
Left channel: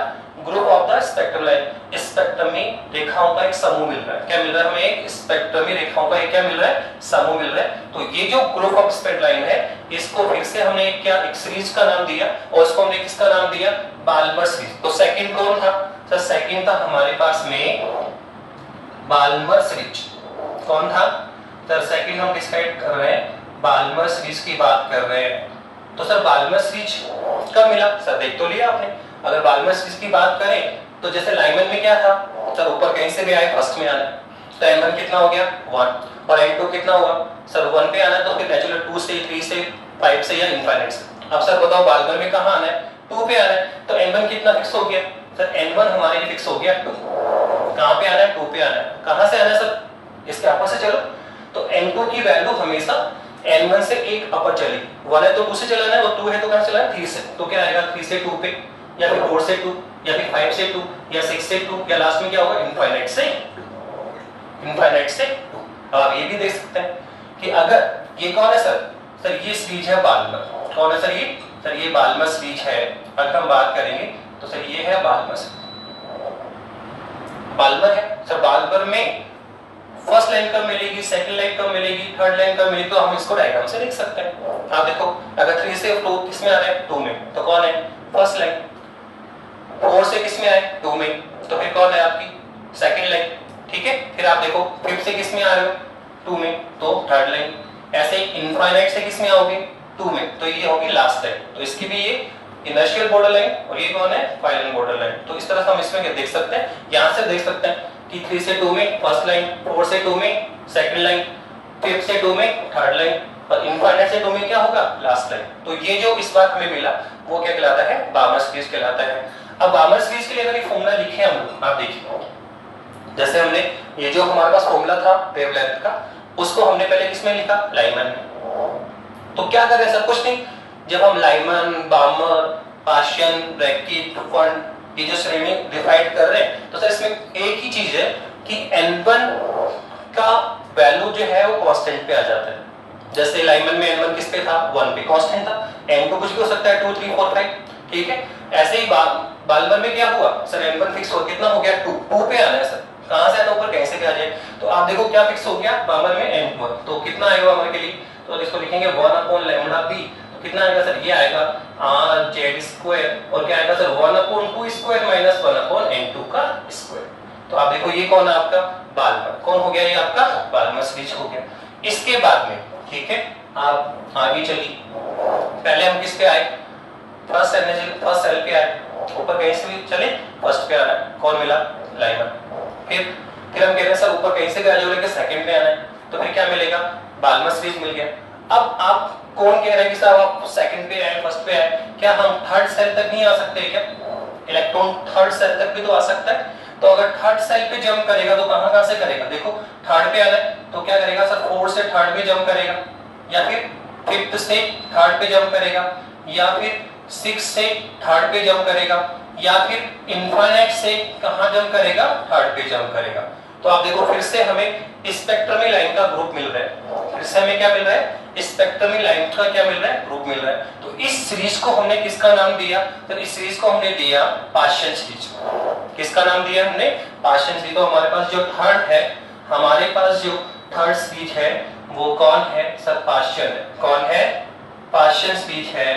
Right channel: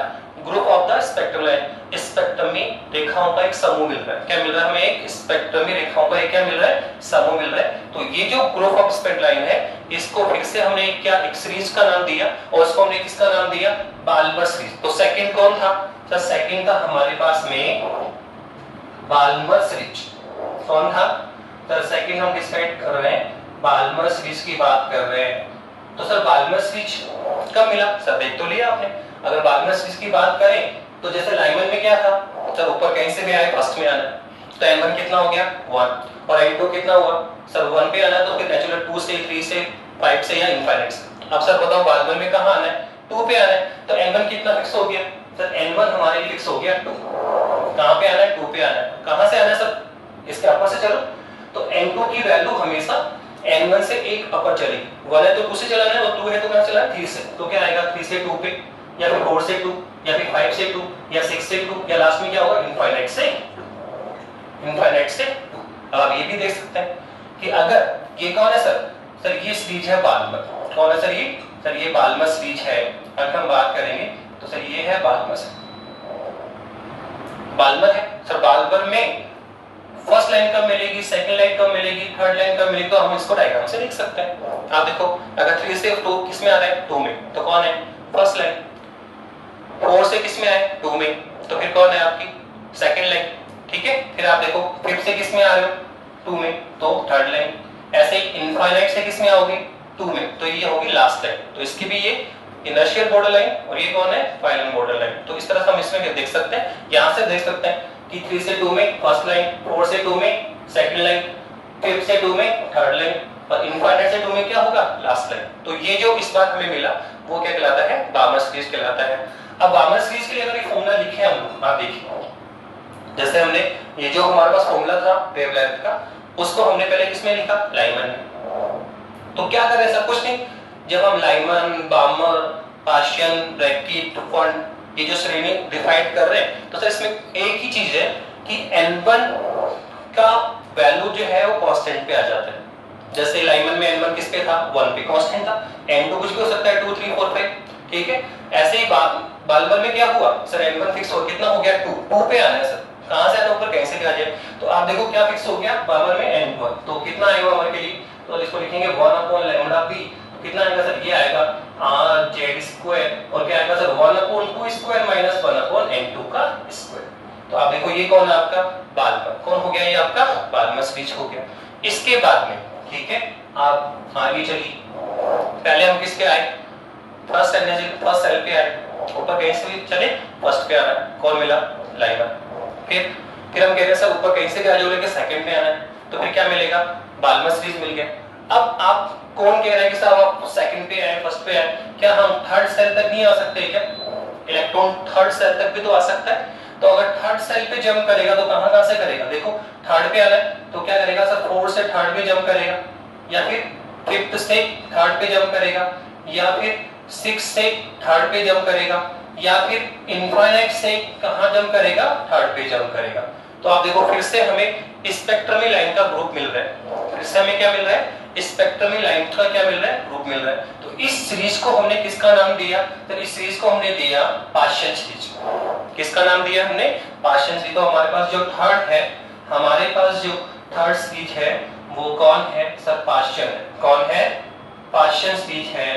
Group of the spectrum line. Spectrum में रेखाओं का एक समूह मिल रहा है। क्या मिल रहा है हमें? एक स्पेक्ट्रम में रेखाओं का एक क्या मिल रहा है? समूह मिल रहा है। तो ये जो ग्रुप ऑफ स्पेक्ट्रम लाइन है, इसको फिर से हमने एक सीरीज का नाम दिया, और इसको हमने किसका नाम दिया? Balmer series. तो सेकंड कौन था सर? सेकंड था हमारे पास में बाल्मर सीरीज। कौन था सर? सेकंड हम डिसाइड कर रहे हैं, बाल्मर सीरीज की बात कर रहे हैं। तो सर बाल्मर सीरीज कब मिला सर? देख तो लिया आपने। अगर बाल्मर सीरीज की बात करें तो जैसे लाइमन में क्या था सर? ऊपर कहीं से भी आए, फर्स्ट में आना। तो n1 कितना हो गया? 1। और n2 कितना हुआ सर? 1 पे आना है, तो फिर नेचुरल 2 से 3 से 5 से या इनफाइनाइट से। अब सर बताओ बाल्मर में कहां आना है? 2 पे आना है। तो n1 कितना फिक्स हो गया सर? n1 हमारे लिए फिक्स हो गया 2। कहां पे आना है? 2 पे आना है। कहां से आना है सर? इसके अपर से चलो। तो n2 की वैल्यू हमेशा n1 से एक अपर चलेगी। 1 है तो 2 से चलाना है, और 2 है तो कहां चलाना है? 3 से। तो क्या आएगा? 3 से 2 पे, या फिर 4 से 2, या फिर 5 से 2, या 6 से 2, या लास्ट में क्या होगा? इनफाइनाइट से 2। अब आप ये भी देख सकते हैं कि अगर ये कौन है सर? सर ये सीरीज है बाल्मर। कौन है सर? ये सर ये बाल्मर सीरीज है। अगर हम बात करेंगे तो सर ये है बाल्मर है सर। बाल्मर में फर्स्ट लाइन कब मिलेगी, सेकंड लाइन कब मिलेगी, थर्ड लाइन कब मिलेगी, तो हम इसको डायग्राम से लिख सकते हैं। आप देखो अगर 3 से 2 किस में आ रहा है? 2 में, तो कौन है? First line. 4 से किस में आए? 2 में, तो फिर कौन है आपकी? Second line. ठीक है, फिर आप देखो 5 से किस में आ रहे हो? 2 में, तो थर्ड लाइन। ऐसे ही इनफाइनाइट से किस में आओगे? 2 में, तो ये होगी लास्ट लाइन। तो इसकी भी ये इनर्शियल बॉर्डर लाइन, और ये कौन है? Final border line. तो इस तरह से हम इसमें देख सकते हैं, यहां से देख सकते हैं कि 3 से 2 में फर्स्ट लाइन, 4 से 2 में सेकंड लाइन, 5 से 2 में थर्ड लाइन, और इनफाइनाइट से 2 में क्या होगा? Last line. तो ये जो इस बार हमें मिला वो क्या कहलाता है? बाल्मर सीरीज कहलाता है। अब बाल्मर सीरीज के लिए अगर एक फॉर्मूला लिखे हम लोग, आप देखिए जैसे हमने ये जो हमारे पास फॉर्मूला था वेवलेंथ का, उसको हमने पहले किसमें लिखा? लाइमन में। तो क्या कर रहे हैं? सब कुछ नहीं। जब हम लाइमन, बाल्मर, पाशियन, ब्रैकेट, फंड, ये जो श्रेणी डिवाइड कर रहे हैं, तो सर इसमें एक ही चीज है कि n1 का वैल्यू जो है वो कांस्टेंट पे आ जाता है। जैसे लाइमन में n1 किस पे था? 1 पे कांस्टेंट था। n2 कुछ भी हो सकता है, 2, 3, 4, 5। ठीक है, ऐसे ही बाल्मर में क्या हुआ सर? n1 फिक्स हो, कितना हो गया? 2 पे आना है सर। कहां से आना? ऊपर कैसे भी आ जाए। तो आप देखो क्या फिक्स हो गया बाल्मर में? n1। तो कितना आएगा हमारे के लिए? तो इसको लिखेंगे 1/λb। कितना आएगा सर? ये आएगा rz², और क्या आएगा सर? 1/2² माइनस 1/n2 का स्क्वायर। तो आप देखो ये कौन है आपका? बाल्मर। कौन हो गया? ये आपका बाल्मर सीरीज हो गया। इसके बाद में ठीक है, आप आगे चलिए। पहले हम किस पे आए? फर्स्ट सेल पे आए। ऊपर कहीं से भी चले, फर्स्ट पे आना है। कौन मिला? लाइमन। फिर हम कह रहे हैं सर ऊपर कहीं से भी आ जाओगे, सेकंड पे आना है, तो फिर क्या मिलेगा? बाल्मर सीरीज मिल गया। अब आप कौन कह रहे हैं कि साहब आप सेकंड पे आए, फर्स्ट पे आए, क्या हम थर्ड सेल तक नहीं आ सकते? क्या इलेक्ट्रॉन थर्ड सेल तक भी तो आ सकता है। तो अगर थर्ड सेल पे जंप करेगा तो कहां से करेगा? देखो थर्ड पे आना है तो क्या करेगा सर? 4 से थर्ड पे जंप करेगा, या फिर 5th से थर्ड पे जंप करेगा, या फिर 6 से थर्ड पे जंप करेगा, या फिर इनफाइनाइट से कहां जंप करेगा? थर्ड पे जंप करेगा। तो आप देखो फिर से हमें स्पेक्ट्रमी लाइन का ग्रुप मिल रहा है। फिर से हमें क्या मिल रहा है? स्पेक्ट्रमी लाइन का क्या मिल रहा है? ग्रुप मिल रहा है। तो इस सीरीज को हमने किसका नाम दिया? तो इस सीरीज को हमने दिया पाशियन सीरीज। किसका नाम दिया हमने? पाशियन सीरीज। तो हमारे पास जो थर्ड सीरीज है वो कौन है सर? पाशियन है। कौन है? पाशियन सीरीज है।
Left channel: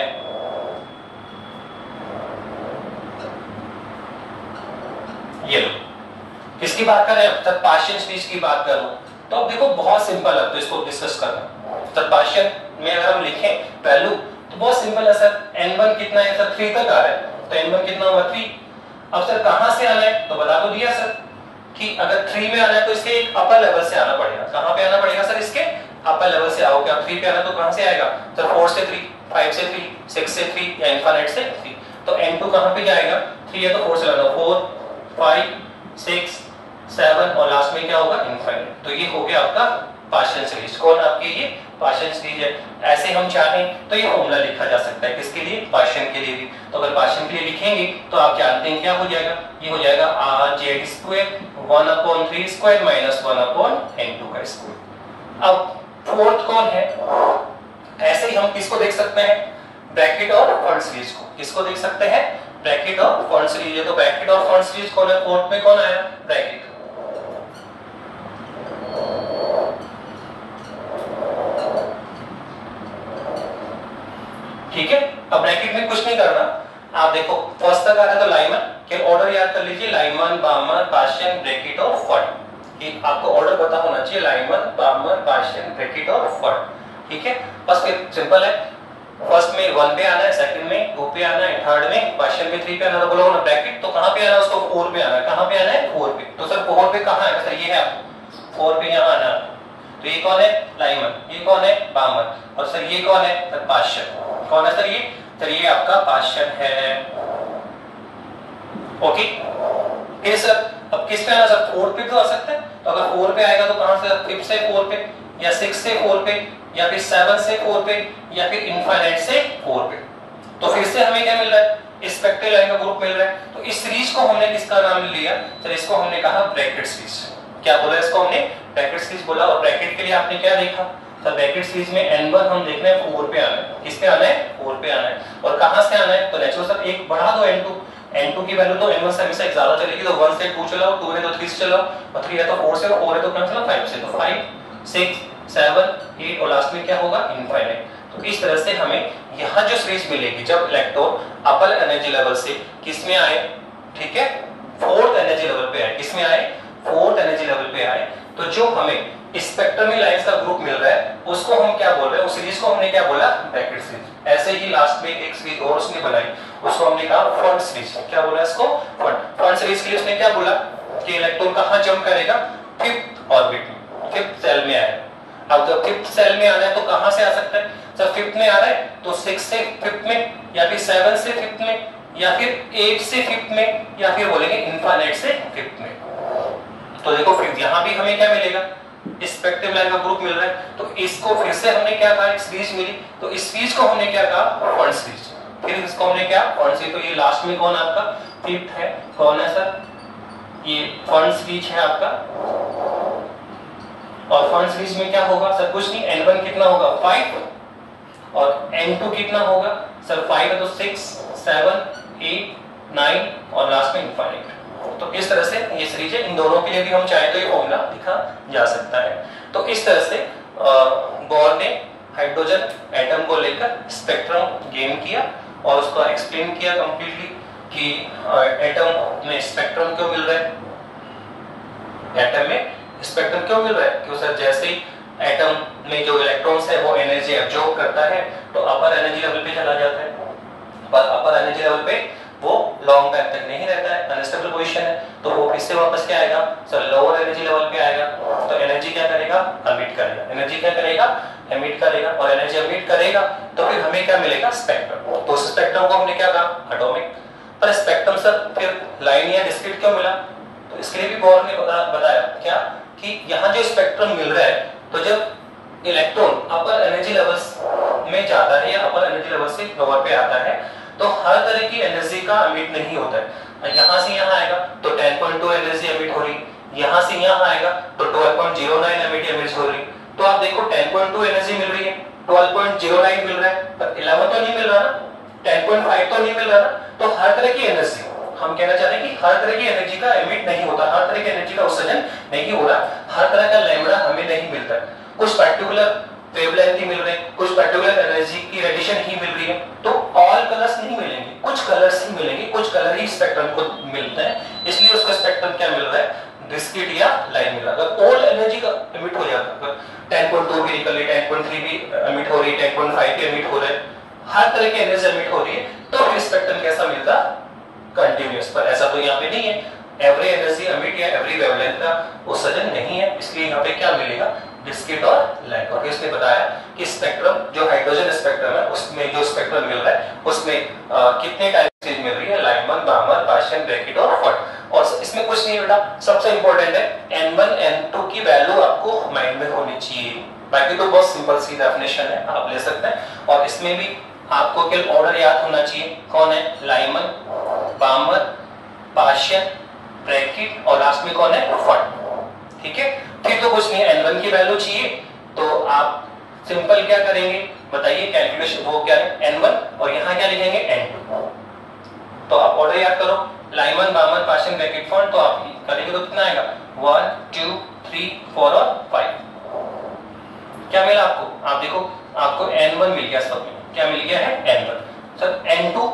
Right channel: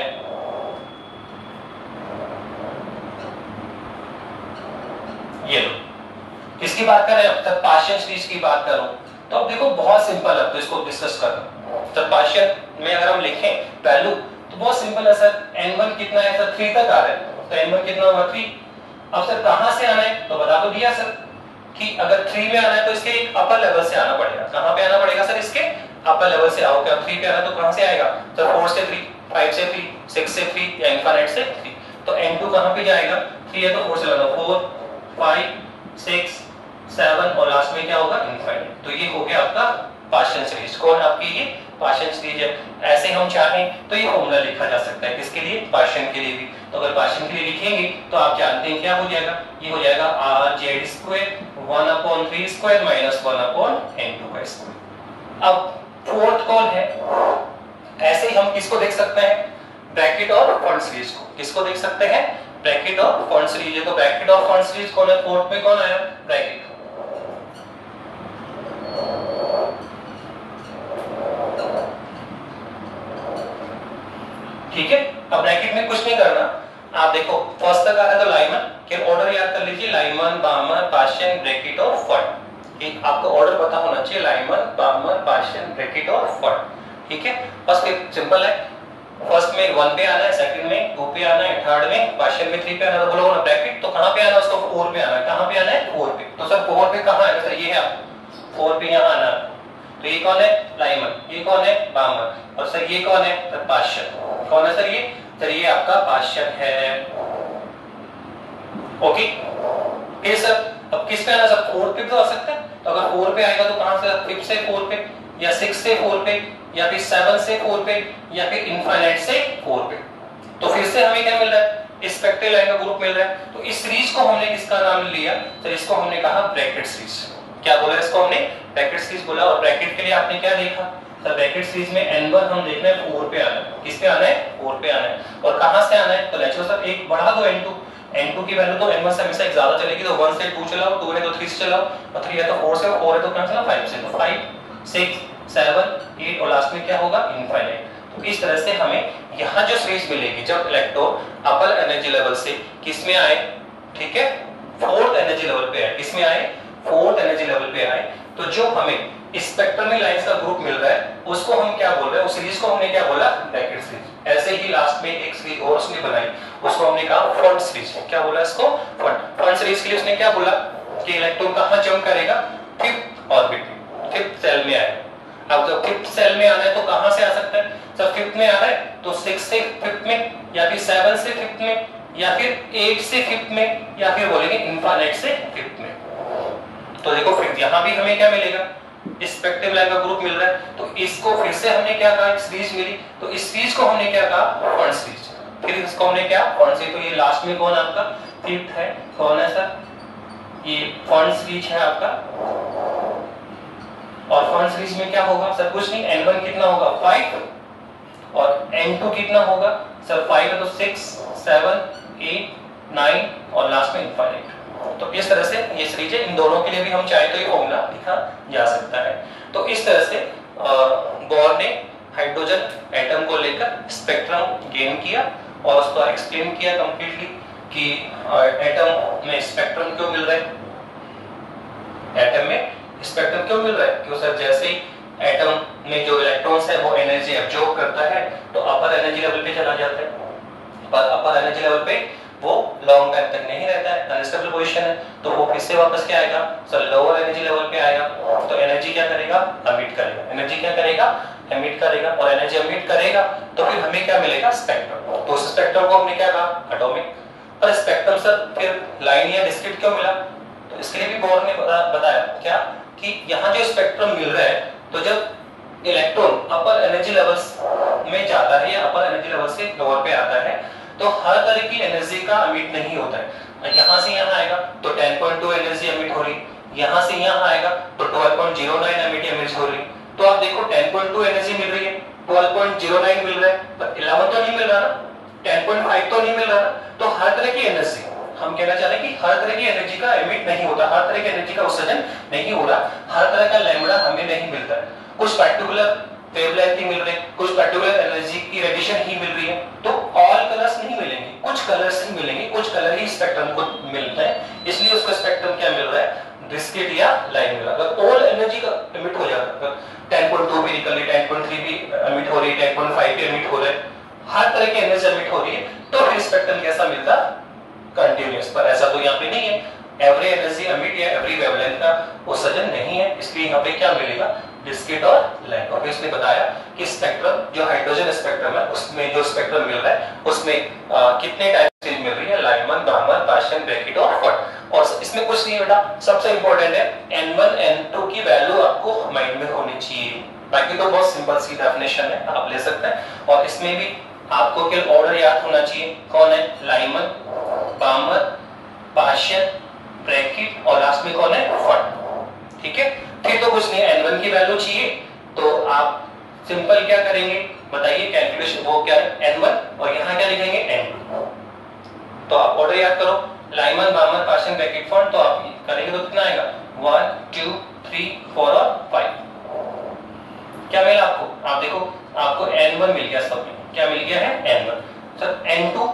ये लो, किसकी बात कर रहे हैं? तब पाशियन सीरीज की बात करूं तो अब देखो बहुत सिंपल है, तो इसको डिस्कस करना। तब पाशियन में अगर हम लिखें वैल्यू तो बहुत सिंपल है सर। n1 कितना है सर? 3 तक आ रहा है, तो n1 कितना होगा? 3। अब सर कहां से आना है? तो बता तो दिया सर, कि अगर 3 में आना है तो इसके एक अपर लेवल से आना पड़ेगा। कहां पे आना पड़ेगा सर? इसके अपर लेवल से आओगे। अब 3 पे आना तो कहां से आएगा सर? 4 से 3, 5 से 3, 6 से 3 या इनफाइनाइट से 3। तो n2 कहां पे जाएगा? 3 है तो 4 से लाना, 4, 5, 6, 7 और लास्ट में क्या होगा? इनफाइनाइट। तो ये हो गया आपका पार्शियल सीरीज। कौन आपकी? ये पार्शियल सीरीज है। ऐसे हम चाहें तो ये फॉर्मूला लिखा जा सकता है, किसके लिए? पार्शियल के लिए भी। तो अगर पार्शियल के लिए लिखेंगे तो आप जानते हैं क्या हो जाएगा? ये हो जाएगा rz² 1/3² माइनस 1/n2 का स्क्वायर। अब फोर्थ कौन है? ऐसे ही हम किसको देख सकते हैं? ब्रैकेट और फ्रंट सीरीज को। किसको देख सकते हैं? ब्रैकेट और फ्रंट सीरीज है। तो ब्रैकेट और फ्रंट सीरीज कौन है? फोर्थ में कौन आया? ब्रैकेट। ठीक है। अब ब्रैकेट में कुछ नहीं करना। आप देखो फर्स्ट तक आ रहा है तो लाइमन के ऑर्डर याद कर लीजिए, लाइमन, बामर, पार्शियल, ब्रैकेट और फर्ट। ठीक, आपको ऑर्डर पता होना चाहिए, लाइमन, बामर, पार्शियल, ब्रैकेट और फर्ट। ठीक है। फर्स्ट एक सिंपल है, फर्स्ट में 1 पे आना है, सेकंड में 2 पे आना है, थर्ड में पार्शियल में 3 पे आना है। तो बोलो ना ब्रैकेट, तो कहां पे आना है उसको? 4 पे आना है। कहां पे आना है? 4 पे। तो सर 4 पे कहां है सर? ये है आपको 4 पे यहां आना। तो ये कौन है? लाइमन। ये कौन है? बामर। और सर ये कौन है? Sir partial. कौन है सर ये? सर ये आपका पार्शियल है। ओके। फिर सर अब किस पे आना सर? 4 पे तो आ सकता है। तो अगर 4 पे आएगा तो कहां से? 5 से 4 पे या 6 से 4 पे या फिर 7 से 4 पे या फिर इनफाइनाइट से 4 पे। तो फिर से हमें क्या मिल रहा है? स्पेक्ट्रल लाइन का ग्रुप मिल रहा है। तो इस सीरीज को हमने किसका नाम लिया? सर इसको हमने कहा ब्रैकेट सीरीज। क्या बोला इसको हमने? ब्रैकेट सीरीज बोला। और ब्रैकेट के लिए आपने क्या देखा सर? ब्रैकेट सीरीज में n1 हम देख रहे हैं 4 पे आना है। किस पे आना है? 4 पे आना है। और कहां से आना है? तो नेचुरल सर एक बढ़ा दो n2। n2 की वैल्यू तो n1 से हमेशा एक ज्यादा चलेगी, तो 1 से 2 चलाओ, 2 है तो 3 से चलाओ, और 3 है तो 4 से, और 4 है तो कहां चलाओ? 5 से। तो 5, 6, 7, 8 और लास्ट में क्या होगा? इनफाइनाइट। तो इस तरह से हमें यहां जो सीरीज मिलेगी जब इलेक्ट्रॉन अपर एनर्जी लेवल से किस में आए? ठीक है, फोर्थ एनर्जी लेवल पे आए। किस में आए? फोर्थ एनर्जी लेवल पे आए। तो जो हमें स्पेक्ट्रम में लाइंस का ग्रुप मिल रहा है उसको हम क्या बोल रहे हैं? उस सीरीज को हमने क्या बोला? Brackett series. ऐसे ही लास्ट में एक सीरीज और उसने बनाई, उसको हमने कहा फ्रंट सीरीज। क्या बोला इसको? फ्रंट सीरीज के लिए उसने क्या बोला कि इलेक्ट्रॉन कहां जंप करेगा? फिफ्थ ऑर्बिट में, फिफ्थ सेल में आएगा। अब जब फिफ्थ सेल में आना है तो कहां से आ सकता है सर? फिफ्थ में आ रहा है तो 6 से फिफ्थ में या फिर 7 से फिफ्थ में या फिर 8 से फिफ्थ में या फिर बोलेंगे इनफाइनाइट से फिफ्थ में। तो देखो फिर यहां भी हमें क्या मिलेगा? स्पेक्ट्रम लाइन का ग्रुप मिल रहा है। तो इसको फिर से हमने क्या कहा? सीरीज मिली। तो इस सीरीज को हमने क्या कहा? Front series. फिर इसको हमने क्या? Front series. तो ये लास्ट में कौन आपका? फिफ्थ है। कौन है सर? ये फ्रंट सीरीज है आपका। और फ्रंट सीरीज में क्या होगा सर? कुछ नहीं, n1 कितना होगा? 5 और n2 कितना होगा सर? 5 है तो 6, 7, 8, 9 और लास्ट में इनफाइनाइट। तो इस तरह से ये सीरीज है। इन दोनों के लिए भी हम चाहे तो ये फॉर्मूला लिखा जा सकता है। तो इस तरह से बोर ने हाइड्रोजन एटम को लेकर स्पेक्ट्रम गेन किया और उसको एक्सप्लेन किया कंप्लीटली कि एटम में स्पेक्ट्रम क्यों मिल रहा है, एटम में स्पेक्ट्रम क्यों मिल रहा है। क्यों सर? जैसे ही एटम में जो इलेक्ट्रॉन्स है वो एनर्जी एब्जॉर्ब करता है तो अपर एनर्जी लेवल पे चला जाता है, पर अपर एनर्जी लेवल पे वो लॉन्ग टाइम तक नहीं रहता है, अनस्टेबल पोजीशन है। तो वो फिर से वापस क्या आएगा सर? लोअर एनर्जी लेवल पे आएगा। तो एनर्जी क्या करेगा? एमिट करेगा। एनर्जी क्या करेगा? एमिट करेगा। और एनर्जी एमिट करेगा तो फिर हमें क्या मिलेगा? स्पेक्ट्रम। तो उस स्पेक्ट्रम को हमने क्या कहा? एटॉमिक। पर स्पेक्ट्रम सर फिर लाइन या डिस्क्रीट क्यों मिला? तो इसके लिए भी बोर ने बताया क्या कि यहाँ जो स्पेक्ट्रम मिल रहा है तो जब इलेक्ट्रॉन अपर एनर्जी लेवल्स में जाता है या अपर एनर्जी लेवल से लोअर पे आता है तो हर तरह की एनर्जी का एमिट नहीं होता है। यहां से यहां आएगा तो 10.2 एनर्जी एमिट हो रही, यहां से यहां आएगा तो 12.09 एमिट हो रही। तो आप देखो 10.2 एनर्जी मिल रही है, 12.09 मिल रहा है, पर 11 तो नहीं मिल रहा ना, 10.5 तो नहीं मिल रहा ना। तो हर तरह की एनर्जी, हम कहना चाहते हैं कि हर तरह की एनर्जी का एमिट नहीं होता, हर तरह की एनर्जी का उत्सर्जन नहीं हो रहा, हर तरह का लैम्बडा हमें नहीं मिलता है। कुछ पर्टिकुलर वेवलेंथ ही मिल रहे हैं, कुछ पर्टिकुलर एनर्जी की रेडिएशन ही मिल रही है। तो ऑल कलर्स नहीं मिलेंगे, कुछ कलर्स ही मिलेंगे, कुछ कलर ही स्पेक्ट्रम को मिलते हैं, इसलिए उसका स्पेक्ट्रम क्या मिल रहा है? डिस्क्रीट या लाइन मिल रहा है। अगर ऑल एनर्जी का एमिट हो जाता है, 10.2 भी निकल रही, 10.3 भी एमिट हो रही, 10.5 भी एमिट हो रहे, हर तरह की एनर्जी एमिट हो रही है, तो फिर स्पेक्ट्रम कैसा मिलता? कंटिन्यूअस। पर ऐसा तो यहाँ पे नहीं है, एवरी एनर्जी एमिट या एवरी वेवलेंथ का उत्सर्जन नहीं है, इसलिए यहाँ पे क्या मिलेगा, डिस्क्रीट और लाइट। और इसने बताया कि स्पेक्ट्रम जो हाइड्रोजन स्पेक्ट्रम है उसमें जो स्पेक्ट्रम मिल रहा है उसमें कितने टाइप की मिल रही है, लाइमन, बामर, पार्शियन, ब्रैकेट और फट। और इसमें कुछ नहीं बेटा, सबसे इंपॉर्टेंट है N1 N2 की वैल्यू आपको माइंड में होनी चाहिए, बाकी तो बहुत सिंपल सी डेफिनेशन है, आप ले सकते हैं। और इसमें भी आपको केवल ऑर्डर याद होना चाहिए, कौन है, लाइमन, बामर, पार्शियन, ब्रैकेट और लास्ट में कौन है, फट। ठीक है, फिर तो कुछ नहीं है, N1 की वैल्यू चाहिए तो आप सिंपल क्या करेंगे बताइए, कैलकुलेशन वो क्या है N1 और यहाँ क्या लिखेंगे N2। तो आप ऑर्डर याद करो, लाइमन, बामर, पार्शियन, ब्रैकेट, फट, तो आप करेंगे तो कितना आएगा, 1 2 3 4 और 5। क्या मिला आपको, आप देखो आपको N1 मिल गया, सब में क्या मिल गया है N1। सर N2,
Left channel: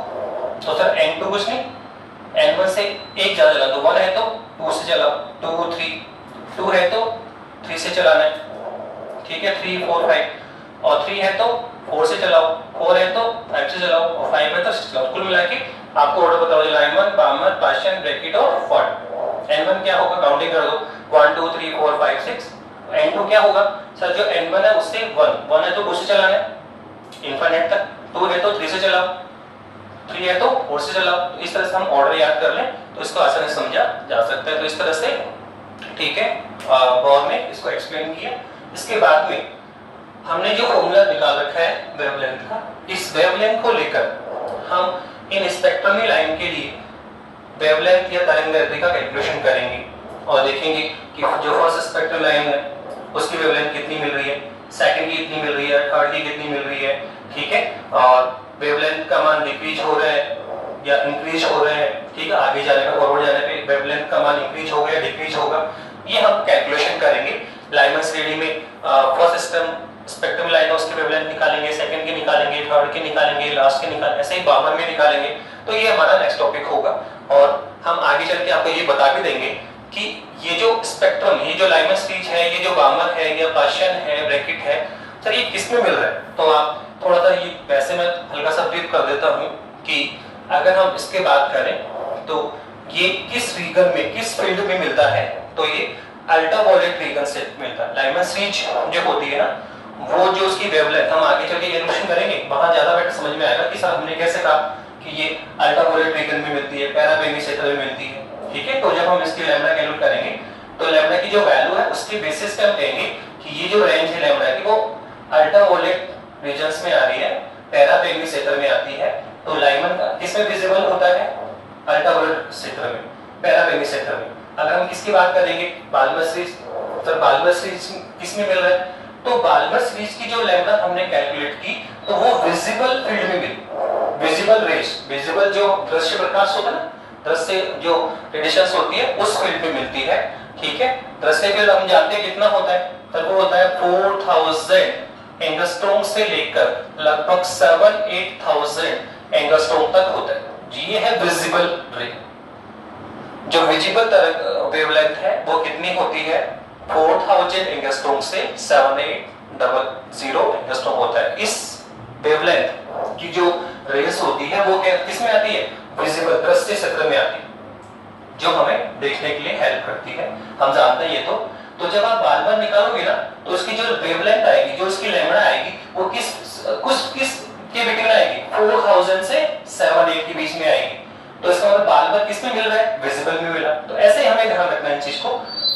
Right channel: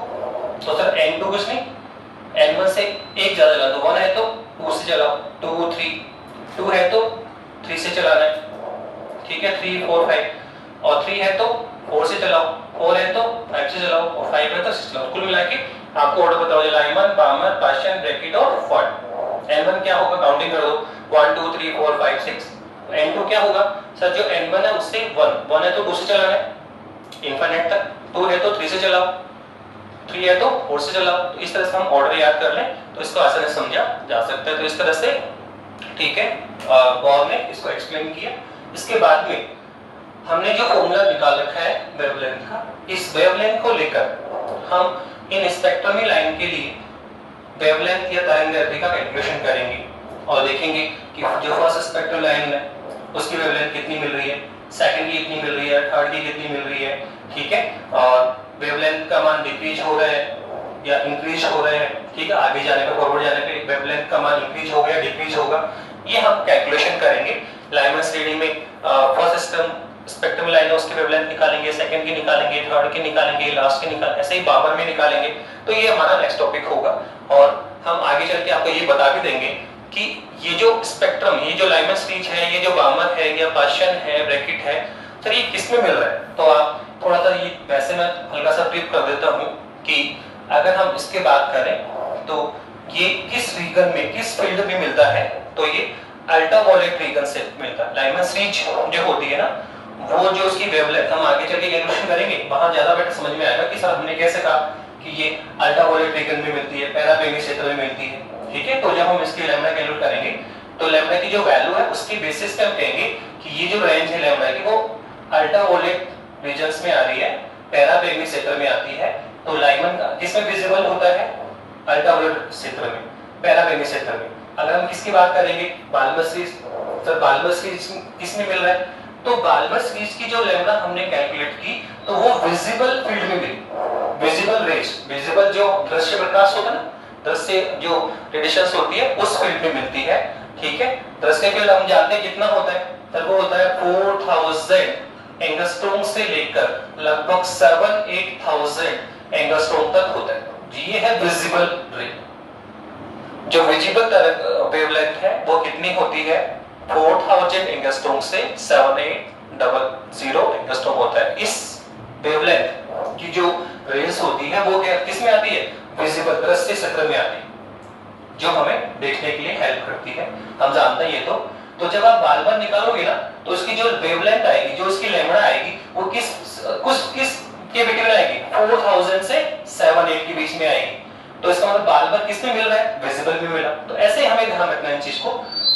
तो सर N2 कुछ नहीं, N1 से एक ज्यादा चला तो 1 है तो 2 से चलाओ, 2 3, 2 है तो 3 से चलाना है, ठीक है, 3 4 5, और 3 है तो 4 से चलाओ, 4 है तो 5 से चलाओ, और 5 है तो 6 चलाओ। कुल मिला के आपको ऑर्डर बताओ, लाइमन, बामर, पार्शियन, ब्रैकेट और फट। N1 क्या होगा, काउंटिंग कर दो, 1 2 3 4 5 6। N2 क्या होगा, सर जो N1 है उससे 1 है तो 2 से चलाना है इनफाइनाइट तक, 2 है तो 3 से चलाओ, 3 है तो 4 से चलाओ। तो इस तरह से हम ऑर्डर याद कर लें तो इसको आसानी से समझा जा सकता है। तो इस तरह से ठीक है, बॉर ने इसको एक्सप्लेन किया। इसके बाद में हमने जो फॉर्मूला निकाल रखा है वेवलेंथ का, इस वेवलेंथ को लेकर हम इन स्पेक्ट्रमी लाइन के लिए वेवलेंथ या तरंगदैर्ध्य का कैलकुलेशन करेंगे और देखेंगे कि जो फर्स्ट स्पेक्ट्रम लाइन है उसकी वेवलेंथ कितनी मिल रही है, सेकंड की कितनी मिल रही है, थर्ड की कितनी मिल रही है, ठीक है, और वेवलेंथ का मान डिक्रीज हो रहा है या इंक्रीज हो रहा है, ठीक है, आगे जाने पे फॉरवर्ड जाने पे वेवलेंथ का मान इंक्रीज हो गया डिक्रीज होगा, ये हम कैलकुलेशन करेंगे। लाइमन श्रेणी में फर्स्ट स्पेक्ट्रम लाइन है उसकी वेवलेंथ निकालेंगे, सेकंड की निकालेंगे, थर्ड की निकालेंगे, लास्ट की निकालेंगे, ऐसे ही बामर में निकालेंगे। तो ये हमारा नेक्स्ट टॉपिक होगा और हम आगे चल के आपको ये बता भी देंगे कि ये जो स्पेक्ट्रम, ये जो लाइमन स्पीच है, ये जो बामर है या पार्शियन है, ब्रैकेट है, सर ये किसमें मिल रहा है। तो आप थोड़ा सा ये वैसे मैं हल्का सा ब्रीफ कर देता हूँ कि अगर हम इसके बात करें तो ये किस रीजन में, किस फील्ड में मिलता है, तो ये अल्ट्रावायलेट रीजन से मिलता है। लाइमन स्पीच जो होती है ना, वो जो उसकी वेवलेंथ हम आगे चल के कैलकुलेशन करेंगे, वहां ज्यादा बेटर समझ में आएगा कि सर हमने कैसे कहा कि ये अल्ट्रावायलेट रीजन में मिलती है, पैराबैंगिक क्षेत्र में मिलती है, ठीक है। तो जब हम इसकी लैम्डा कैलकुलेट करेंगे तो लैम्डा की जो वैल्यू है उसके बेसिस पे हम कहेंगे कि ये जो रेंज है लैम्डा की वो अल्ट्रावायलेट रीजन्स में आ रही है, पैराबैंगिक क्षेत्र में आती है। तो लाइमन का किसमें विजिबल होता है, अल्ट्रावायलेट क्षेत्र में, पैराबैंगिक क्षेत्र में। अगर हम किसकी बात करेंगे, बाल्मर सीरीज, तो बाल्मर सीरीज किसमें मिल रहा है, तो बाल्मर सीरीज की जो लैम्डा हमने कैलकुलेट की तो वो विजिबल फील्ड में मिली, विजिबल रेज, विजिबल जो दृश्य प्रकाश होता है ना, दृश्य जो रेडिएशंस होती है उस फील्ड में मिलती है, ठीक है। दृश्य फील्ड हम जानते हैं कितना होता है, तो वो होता है 4000 एंगस्ट्रॉम से लेकर लगभग 7-8,000 एंगस्ट्रॉम तक होता है जी। ये है विजिबल रे। जो विजिबल वेवलेंथ है वो कितनी होती है, 4000 एंगस्ट्रॉम से 7800 एंगस्ट्रॉम होता है। इस वेवलेंथ की जो रेस होती है वो किसमें आती है, विजिबल दृश्य क्षेत्र में आती है, जो हमें देखने के लिए हेल्प करती है, हम जानते हैं ये। तो जब आप बाल्मर निकालोगे ना तो उसकी जो वेवलेंथ आएगी, जो उसकी लैम्डा आएगी, वो किस के बिटवीन आएगी, 4000 से 7-8 के बीच में आएगी। तो इसका मतलब बाल्मर किसमें मिल रहा है, विजिबल में मिला। तो ऐसे ही हमें ध्यान रखना है इन चीज को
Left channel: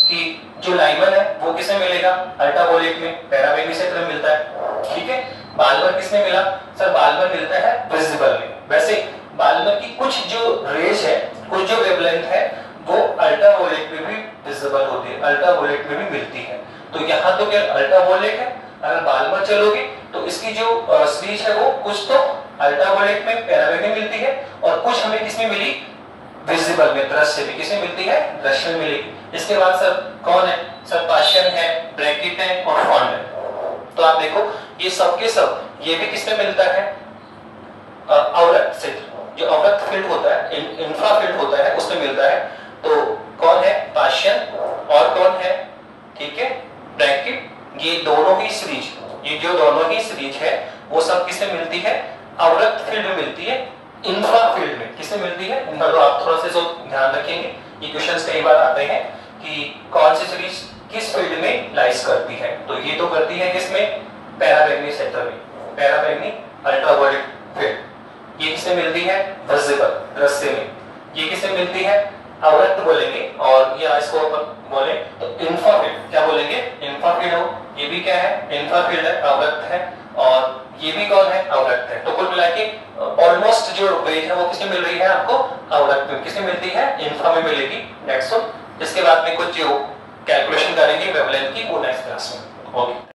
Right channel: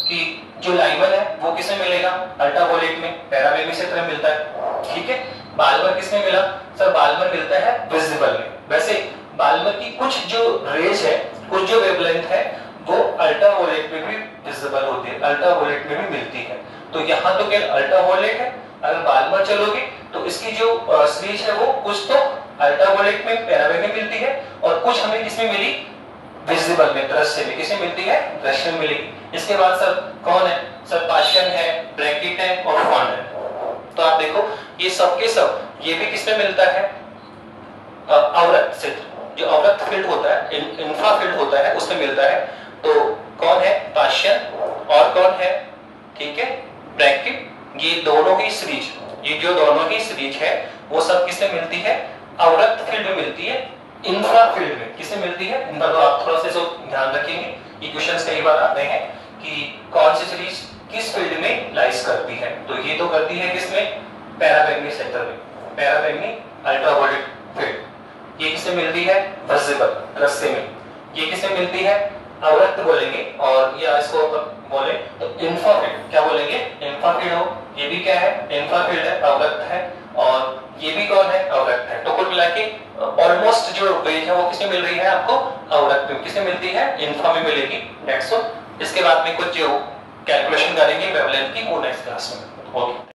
कि जो लाइमन है वो किसमें मिलेगा, अल्ट्रावायलेट में, पैराबैंगिक क्षेत्र में मिलता है, ठीक है। बाल्मर किसमें मिला, सर बाल्मर मिलता है विजिबल में। वैसे बाल्मर की कुछ जो रेज है, कुछ जो वेवलेंथ है वो अल्ट्रावायलेट में भी विजिबल होती है, अल्ट्रावायलेट में भी मिलती है। तो यहाँ तो क्या अल्ट्रावायलेट है, अगर बाल्मर चलोगे तो इसकी जो सीरीज है वो कुछ तो अल्ट्रावायलेट में, पैराबैंगिक में मिलती है और कुछ हमें किसमें मिली, विजिबल में, दृश्य में। किसमें मिलती है, दृश्य में मिलेगी। इसके बाद सर कौन है, सर पार्शियन है, ब्रैकेट है और फॉन्ड है। तो आप देखो ये सब के सब ये भी किसमें मिलता है, अवरक्त क्षेत्र, जो अवरक्त फील्ड होता है, इंफ्रा फील्ड होता है, उसमें मिलता है। तो कौन है, पार्शियन और कौन है, ठीक है, ब्रैकेट। ये दोनों ही सीरीज, ये जो दोनों ही सीरीज है वो सब किसमें मिलती है, अवरक्त फील्ड में मिलती है, इंफ्रा फील्ड में किसमें मिलती है, इंफ्रा। तो आप थोड़ा सा इसको ध्यान रखेंगे, ये क्वेश्चंस कई बार आते हैं कि कौन सी सीरीज किस फील्ड में लाइज करती है, तो ये तो करती है किसमें, पैरामैग्नी सेक्टर में, पैरामैग्नी अल्ट्रावायलेट फील्ड। ये किसमें मिलती है, विजिबल दृश्य में। ये किसमें मिलती है, अवरक्त बोलेंगे, और या इसको बोले तो इंफ्राफील्ड, क्या बोलेंगे, इंफ्राफील्ड हो। ये भी क्या है, इंफ्राफील्ड है, अवरक्त है, और ये भी कौन है, अवरक्त है। तो कुल मिला के ऑलमोस्ट जो वेव है वो किसमें मिल रही है आपको, अवरक्त में। किसमें मिलती है, इंफ्रा में मिलेगी। नेक्स्ट इसके बाद में कुछ जो कैलकुलेशन करेंगे वेवलेंथ की, वो नेक्स्ट क्लास में। ओके।